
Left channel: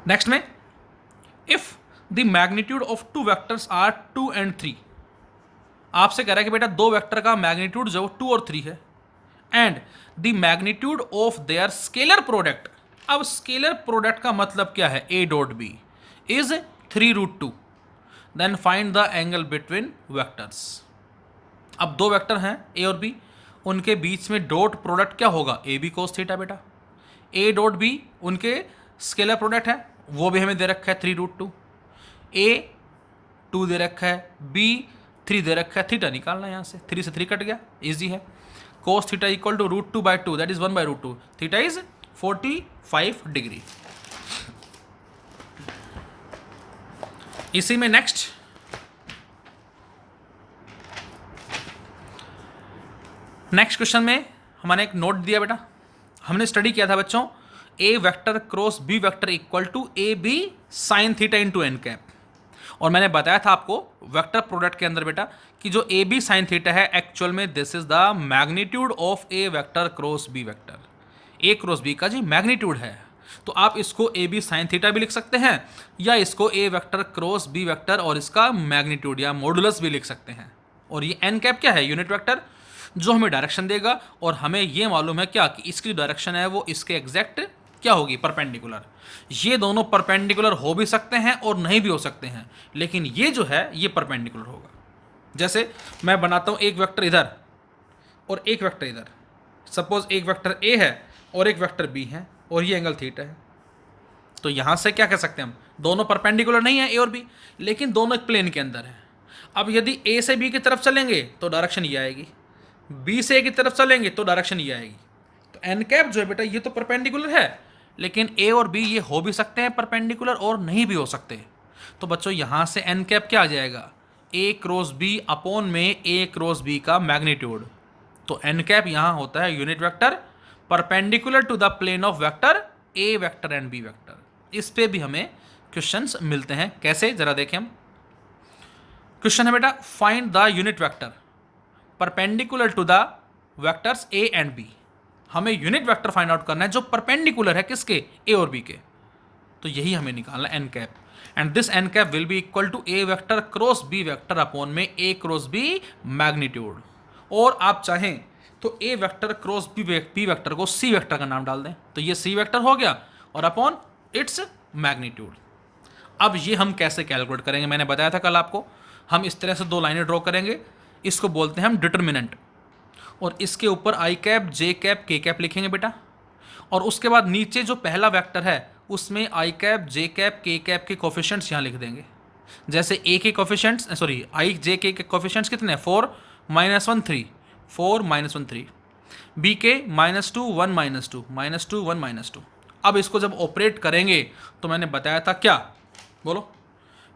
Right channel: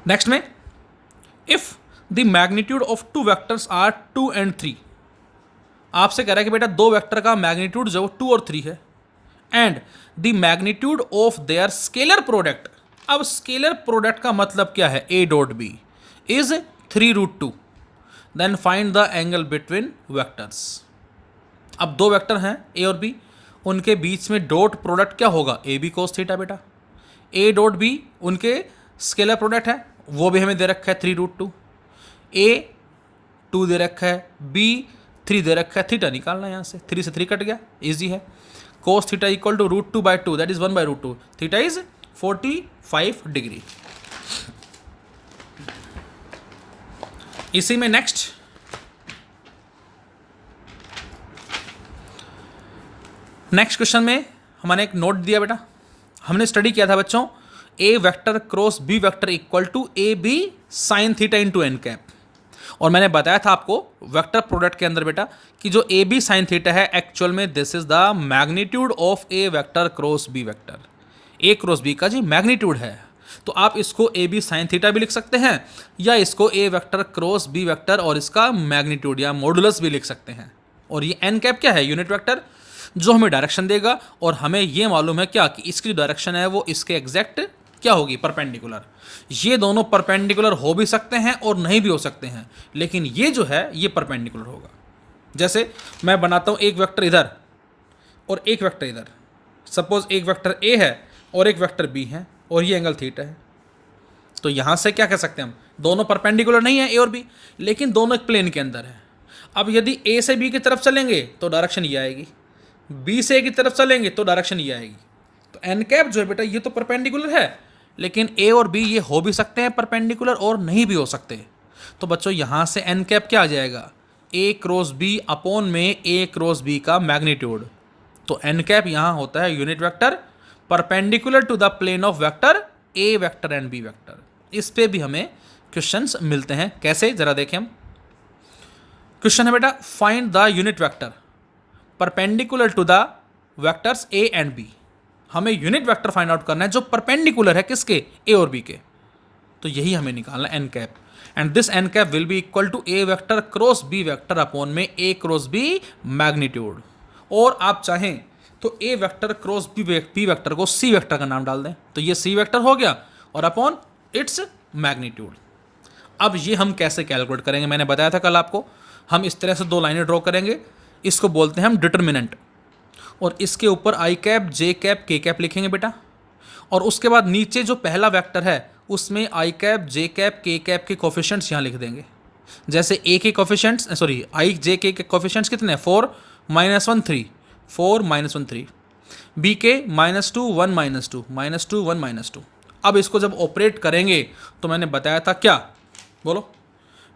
Next में if the magnitude of two vectors are 2 and 3, आपसे कह रहा है कि बेटा दो वेक्टर का मैग्नीट्यूड जो 2 और 3 है and the magnitude of their scalar product. अब स्केलर प्रोडक्ट का मतलब क्या है, a dot b is 3√2, then find the angle between vectors. अब दो वेक्टर हैं a और b, उनके बीच में डॉट प्रोडक्ट क्या होगा, ए बी कोस थीटा बेटा. a डॉट b उनके स्केलर प्रोडक्ट है, वो भी हमें दे रखा है 3√2. a 2 दे रखा है, b 3 दे रखा है, थीटा निकालना है यहाँ से, 3 से 3 कट गया, इजी है. Cos theta equal to √2/2 that is 1/√2, theta is 45 degree. इसी में नेक्स्ट क्वेश्चन में हमारे एक नोट दिया बेटा, हमने स्टडी किया था बच्चों A vector cross B vector equal to A B sine theta into N cap. और मैंने बताया था आपको वेक्टर प्रोडक्ट के अंदर बेटा कि जो ए बी साइन थीटा है एक्चुअल में this is the magnitude of A vector cross B vector. A cross B का जी मैग्नीट्यूड है, तो आप इसको ए बी साइन थीटा भी लिख सकते हैं या इसको ए वेक्टर क्रॉस बी वेक्टर और इसका मैग्नीट्यूड या मॉडुलस भी लिख सकते हैं. और ये एन कैप क्या है, यूनिट वेक्टर जो हमें डायरेक्शन देगा और हमें ये मालूम है क्या कि इसकी डायरेक्शन है वो इसके एग्जैक्ट क्या होगी, परपेंडिकुलर. ये दोनों परपेंडिकुलर हो भी सकते हैं और नहीं भी हो सकते हैं, लेकिन ये जो है ये परपेंडिकुलर होगा. जैसे मैं बनाता हूँ एक वेक्टर इधर और एक वेक्टर इधर, सपोज एक वेक्टर ए है और एक वेक्टर बी है और ये एंगल थीटा है, तो यहाँ से क्या कह सकते हैं हम, दोनों परपेंडिकुलर नहीं है ए और बी, लेकिन दोनों एक प्लेन के अंदर है. अब यदि ए से बी की तरफ चलेंगे तो डायरेक्शन ये आएगी, बी से ए की तरफ चलेंगे तो डायरेक्शन ये आएगी. तो एन कैप जो है बेटा ये तो परपेंडिकुलर है, लेकिन ए और बी ये हो भी सकते हैं परपेंडिकुलर और नहीं भी हो सकते. तो बच्चों यहाँ से एन कैप क्या आ जाएगा, ए क्रॉस बी अपॉन में ए क्रॉस बी का मैग्नीट्यूड. तो एन कैप यहाँ होता है unit vector perpendicular to the plane of vector A vector and B vector. इस पे भी हमें क्वेश्चंस मिलते हैं, कैसे जरा देखें हम. क्वेश्चन है बेटा find the unit vector perpendicular to the vectors A and B. हमें यूनिट वेक्टर फाइंड आउट करना है जो परपेंडिकुलर है किसके, ए और बी के. तो यही हमें निकालना है N cap, and this N cap will be equal to A vector cross B vector upon में ए क्रॉस बी मैग्नीट्यूड. और आप चाहें तो A vector cross B vector को सी वेक्टर का नाम डाल दें, तो ये सी वेक्टर हो गया और अपॉन इट्स मैग्नीट्यूड. अब ये हम कैसे कैलकुलेट करेंगे, मैंने बताया था कल आपको, हम इस तरह से दो लाइनें ड्रॉ करेंगे, इसको बोलते हैं हम डिटर्मिनेंट, और इसके ऊपर आई कैप जे कैप के कैप लिखेंगे बेटा. और उसके बाद नीचे जो पहला वेक्टर है उसमें आई कैप जे कैप के कैप के कोफिशिएंट्स यहाँ लिख देंगे. जैसे ए के कोफिशिएंट्स आई जे के कोफिशिएंट्स कितने हैं, 4 -1 3, 4 -1 3, बी के -2 1 -2, -2 1 -2. अब इसको जब ऑपरेट करेंगे तो मैंने बताया था क्या, बोलो,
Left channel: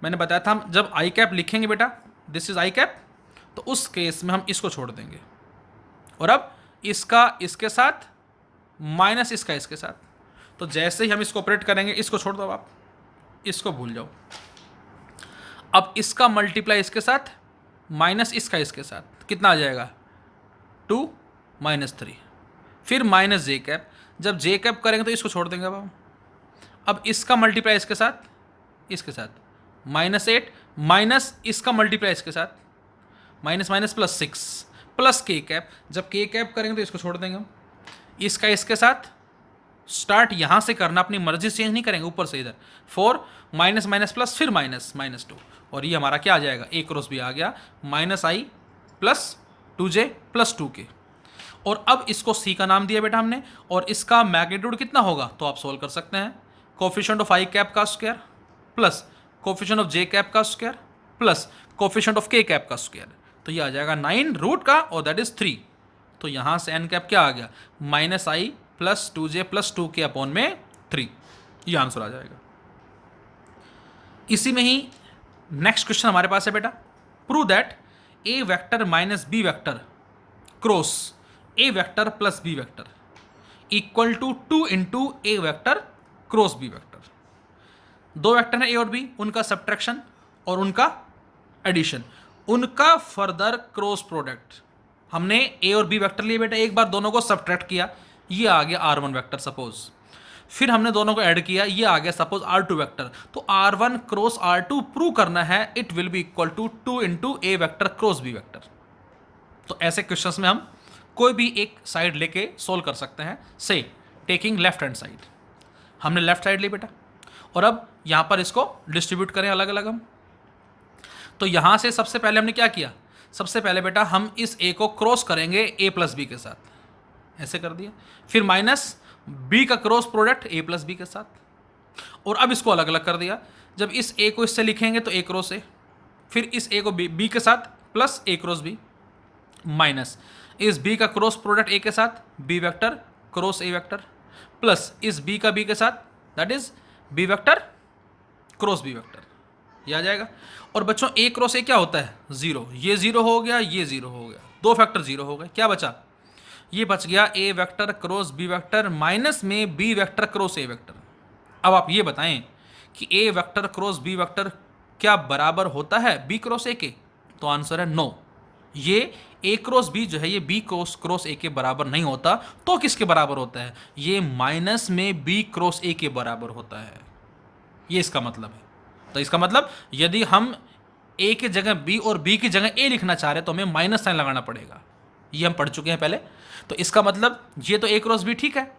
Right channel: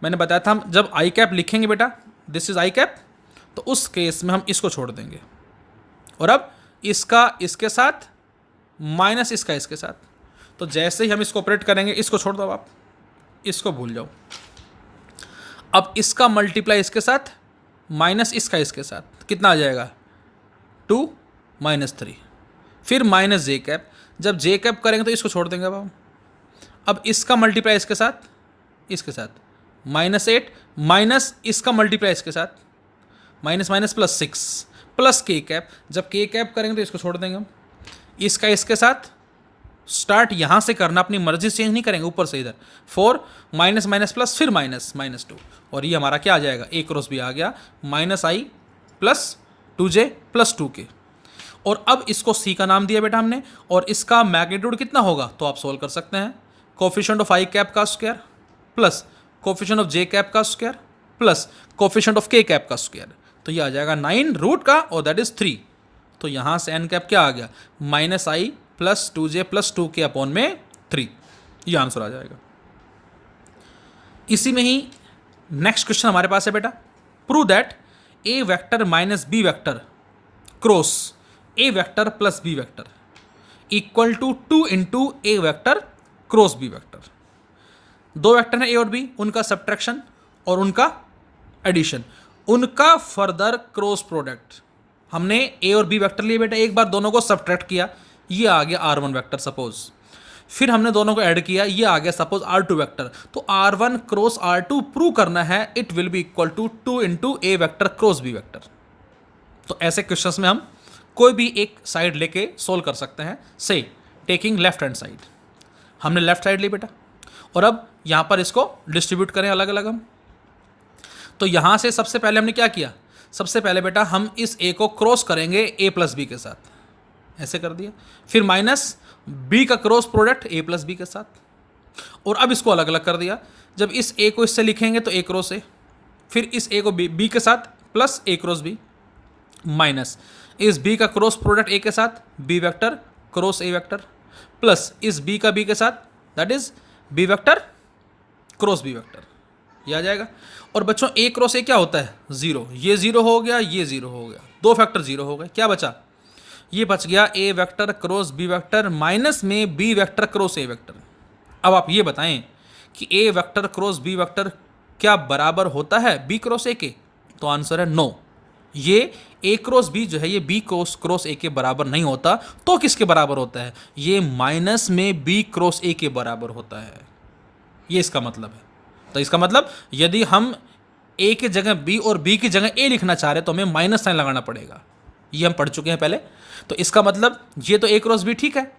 मैंने बताया था हम जब आई कैप लिखेंगे बेटा दिस इज आई कैप, तो उस केस में हम इसको छोड़ देंगे और अब इसका इसके साथ माइनस इसका इसके साथ. तो जैसे ही हम इसको ऑपरेट करेंगे, इसको छोड़ दो आप, इसको भूल जाओ. अब इसका मल्टीप्लाई इसके साथ माइनस इसका इसके साथ कितना आ जाएगा, 2 -3, फिर माइनस जे कैप. जब जे कैप करेंगे तो इसको छोड़ देंगे अब इसका मल्टीप्लाई इसके साथ -8 माइनस इसका मल्टीप्लाई इसके साथ -6 प्लस के कैप. जब के कैप करेंगे तो इसको छोड़ देंगे हम, इसका इसके साथ. स्टार्ट यहाँ से करना, अपनी मर्जी से चेंज नहीं करेंगे, ऊपर से इधर 4 माइनस माइनस प्लस, फिर माइनस माइनस टू, और ये हमारा क्या आ जाएगा, ए क्रॉस बी आ गया, minus I plus 2j plus 2k। और अब इसको सी का नाम दिया बेटा हमने, और इसका मैग्नीट्यूड कितना होगा तो आप सोल्व कर सकते हैं। कोफिशिएंट ऑफ आई कैप का square plus coefficient of J cap का स्क्वायर प्लस कोफिशिएंट ऑफ के कैप का स्क्वायर, तो ये आ जाएगा 9 रूट का, और दैट इज 3। तो यहाँ से एन कैप क्या आ गया, minus I plus 2j plus 2k upon में 3, ये आंसर आ जाएगा। इसी में ही नेक्स्ट क्वेश्चन हमारे पास है बेटा, prove that A vector minus B vector cross A vector plus B vector equal to 2 into A vector cross B vector. दो वेक्टर हैं ए और बी, उनका सब्ट्रैक्शन और उनका एडिशन, उनका फर्दर क्रॉस प्रोडक्ट। हमने ए और बी वेक्टर लिए बेटा, एक बार दोनों को सब्ट्रैक्ट किया, ये आ गया R1 वेक्टर सपोज, फिर हमने दोनों को ऐड किया, ये आ गया सपोज R2 वेक्टर। तो R1 क्रॉस R2 प्रूव करना है, it will be equal to 2 into A vector cross B vector. तो ऐसे क्वेश्चंस में हम कोई भी एक साइड लेके सोल्व कर सकते हैं, से टेकिंग लेफ्ट हैंड साइड। हमने लेफ्ट साइड ली बेटा, और अब यहाँ पर इसको डिस्ट्रीब्यूट करें अलग अलग हम। तो यहाँ से सबसे पहले हमने क्या किया, सबसे पहले बेटा हम इस ए को क्रॉस करेंगे ए प्लस बी के साथ, ऐसे कर दिया, फिर माइनस बी का cross product A plus B के साथ, और अब इसको अलग अलग कर दिया। जब इस ए को इससे लिखेंगे तो ए क्रॉस ए, फिर इस ए को बी के साथ plus A cross B, minus इस बी का क्रॉस प्रोडक्ट ए के साथ B vector cross A vector, plus इस बी का बी के साथ that is B vector cross B vector, ये आ जाएगा। और बच्चों ए क्रॉस ए क्या होता है, जीरो, ये जीरो हो गया, ये जीरो हो गया, दो फैक्टर जीरो हो गए, क्या बचा, ये बच गया A vector cross B vector minus में B vector cross A vector. अब आप ये बताएं कि A vector cross B vector क्या बराबर होता है बी क्रॉस ए के, तो आंसर है नो। ये ए क्रॉस बी जो है ये बी क्रॉस ए के बराबर नहीं होता, तो किसके बराबर होता है, ये माइनस में बी क्रॉस ए के बराबर होता है, ये इसका मतलब है। तो इसका मतलब यदि हम ए की जगह बी और बी की जगह ए लिखना चाह रहे हैं तो हमें माइनस साइन लगाना पड़ेगा, ये हम पढ़ चुके हैं पहले। तो इसका मतलब ये तो ए क्रॉस बी ठीक है,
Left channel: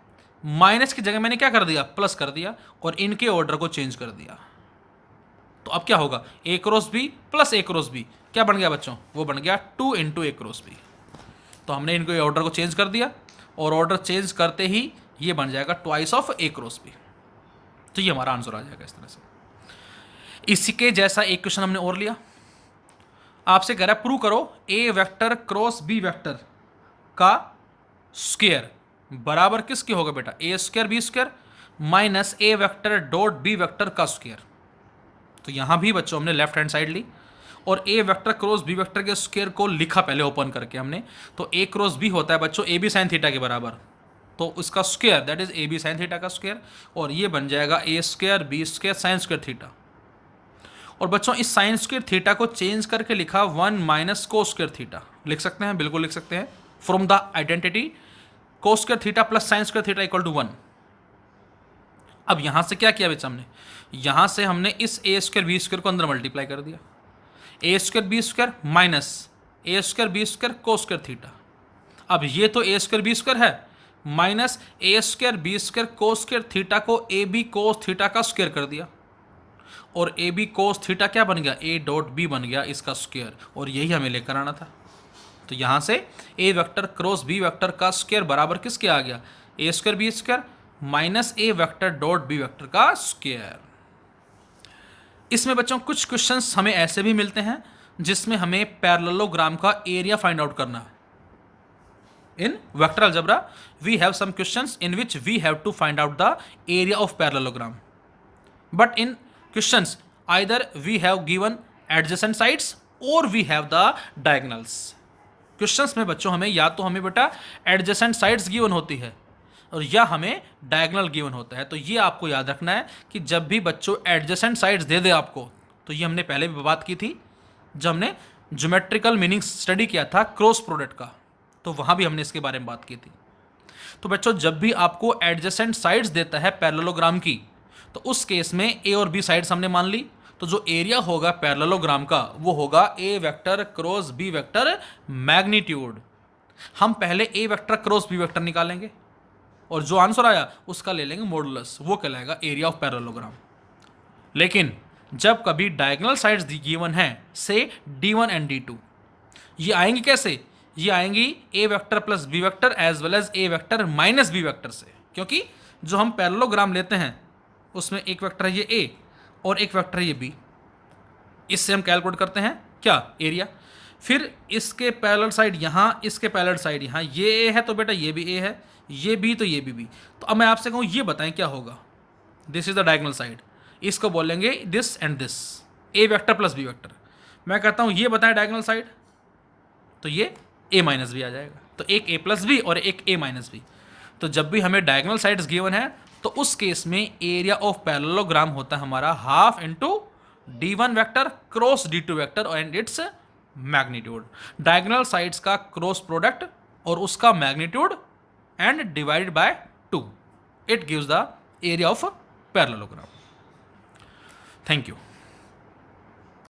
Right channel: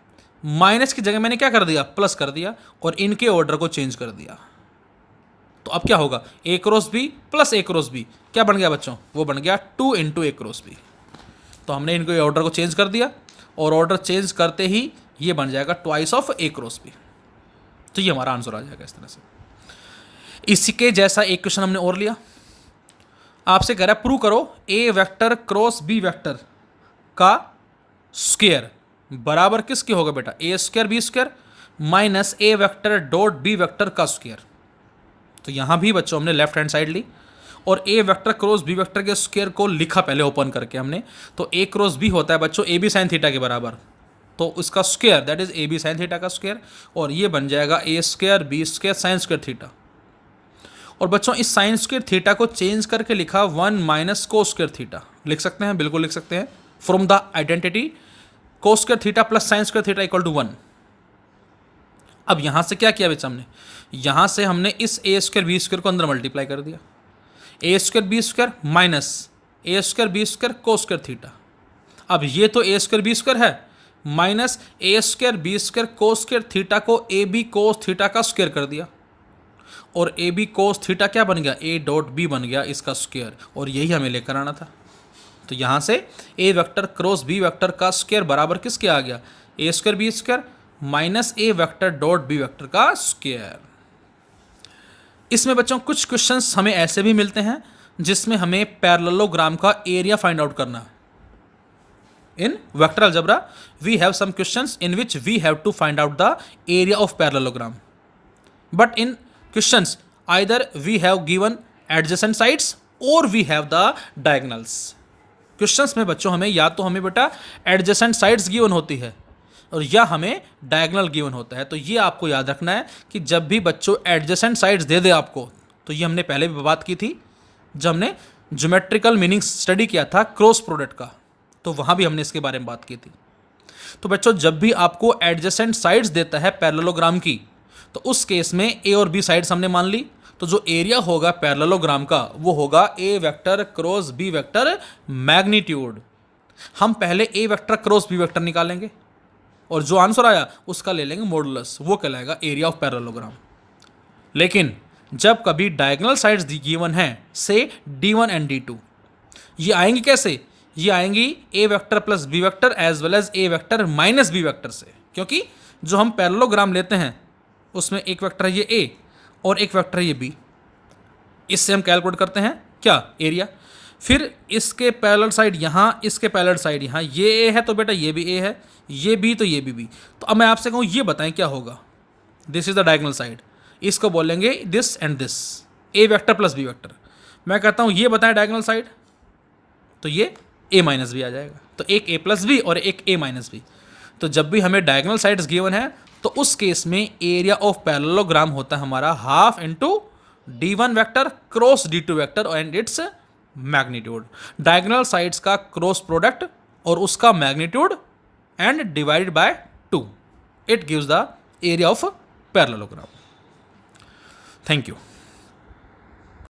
माइनस की जगह मैंने क्या कर दिया, प्लस कर दिया, और इनके ऑर्डर को चेंज कर दिया। तो अब क्या होगा, ए cross B plus A cross B क्या बन गया बच्चों, वो बन गया 2 इंटू ए क्रॉस बी। तो हमने इनको ऑर्डर को चेंज कर दिया, और ऑर्डर चेंज करते ही ये बन जाएगा twice of A cross B. तो ये हमारा आंसर आ जाएगा इस तरह से। इसके जैसा एक क्वेश्चन हमने और लिया, आपसे कह रहा है प्रूव करो ए वेक्टर क्रॉस बी वेक्टर का स्क्वायर बराबर किसके होगा बेटा, ए स्क्वायर बी स्क्वायर माइनस ए वेक्टर डॉट बी वेक्टर का स्क्वायर। तो यहां भी बच्चों हमने लेफ्ट हैंड साइड ली, और ए वेक्टर क्रॉस बी वेक्टर के स्क्वायर को लिखा पहले ओपन करके हमने। तो ए क्रॉस बी होता है बच्चों ए बी साइन थीटा के बराबर, तो उसका square that is A B sine theta का स्क्वायर, और ये बन जाएगा A square B square sine square theta. और बच्चों इस साइन स्क्वायर थीटा को चेंज करके लिखा 1 माइनस को स्क्वायर थीटा, लिख सकते हैं, बिल्कुल लिख सकते हैं, from the identity cos square theta plus sine square theta equal to 1। अब यहां से क्या किया बच्चा हमने, यहां से हमने इस ए स्क्वायर बी स्क्वायर को अंदर मल्टीप्लाई कर दिया, ए स्क्वायर बी स्क्वायर माइनस ए स्क्वायर बी स्क्वायर को स्क्वायर थीटा। अब ये तो ए स्क्वायर बी स्क्वायर है, माइनस ए स्क्वायर बी स्क्वायर को स्क्वायर थीटा को ए बी कोस थीटा का स्क्वायर कर दिया, और ए बी कोस थीटा क्या बन गया, ए डॉट बी बन गया इसका स्क्वायर, और यही हमें लेकर आना था। तो यहाँ से A vector cross B vector का स्क्वायर बराबर किसके आ गया, ए स्क्वायर बी स्क्वायर माइनस ए वेक्टर डॉट बी वेक्टर का स्क्वायर। इसमें बच्चों कुछ क्वेश्चंस हमें ऐसे भी मिलते हैं जिसमें हमें पैरेललोग्राम का एरिया फाइंड आउट करना है। In vector algebra we have some questions in which we have to find out the area of parallelogram, but in questions either we have given adjacent sides और we have the diagonals. Questions में बच्चों हमें या तो हमें बेटा adjacent sides given होती है, और या हमें डायगोनल गिवन होता है। तो ये आपको याद रखना है कि जब भी बच्चों एडजेसेंट साइड्स दे दे आपको, तो ये हमने पहले भी बात की थी जब हमने ज्योमेट्रिकल मीनिंग स्टडी किया था क्रॉस प्रोडक्ट का, तो वहाँ भी हमने इसके बारे में बात की थी। तो बच्चों जब भी आपको एडजेसेंट साइड्स देता है पैरेललोग्राम की, तो उस केस में ए और बी साइड्स हमने मान ली, तो जो एरिया होगा पैरेललोग्राम का वो होगा A vector cross B vector magnitude. हम पहले A vector cross B vector निकालेंगे, और जो आंसर आया उसका ले लेंगे मॉडुलस, वो कहलाएगा एरिया ऑफ पैरेललोग्राम। लेकिन जब कभी डायगोनल साइड्स गिवन है से D1 एंड D2, ये आएंगी कैसे? ये आएंगी A vector plus B vector as well as A vector minus B vector से, क्योंकि जो हम पैरेललोग्राम लेते हैं उसमें एक वेक्टर है ये ए और एक वेक्टर है ये बी। इससे हम कैलकुलेट करते हैं क्या? एरिया। फिर इसके पैरेलल साइड यहाँ, इसके पैरेलल साइड यहाँ, ये ए है तो बेटा ये भी ए है, ये बी तो ये भी बी। तो अब मैं आपसे कहूँ ये बताएं क्या होगा? This is the diagonal side, इसको बोलेंगे this and this, A vector plus B vector. मैं कहता हूँ ये बताएं डायगोनल साइड, तो ये ए माइनस बी आ जाएगा। तो एक ए प्लस बी और एक ए माइनस बी। तो जब भी हमें डायगोनल साइड्स गिवन है तो उस केस में एरिया ऑफ पैरेललोग्राम होता है हमारा half into D1 vector cross D2 vector and its magnitude. Diagonal sides का क्रॉस प्रोडक्ट और उसका magnitude and divided by 2, it gives the area of parallelogram. Thank you.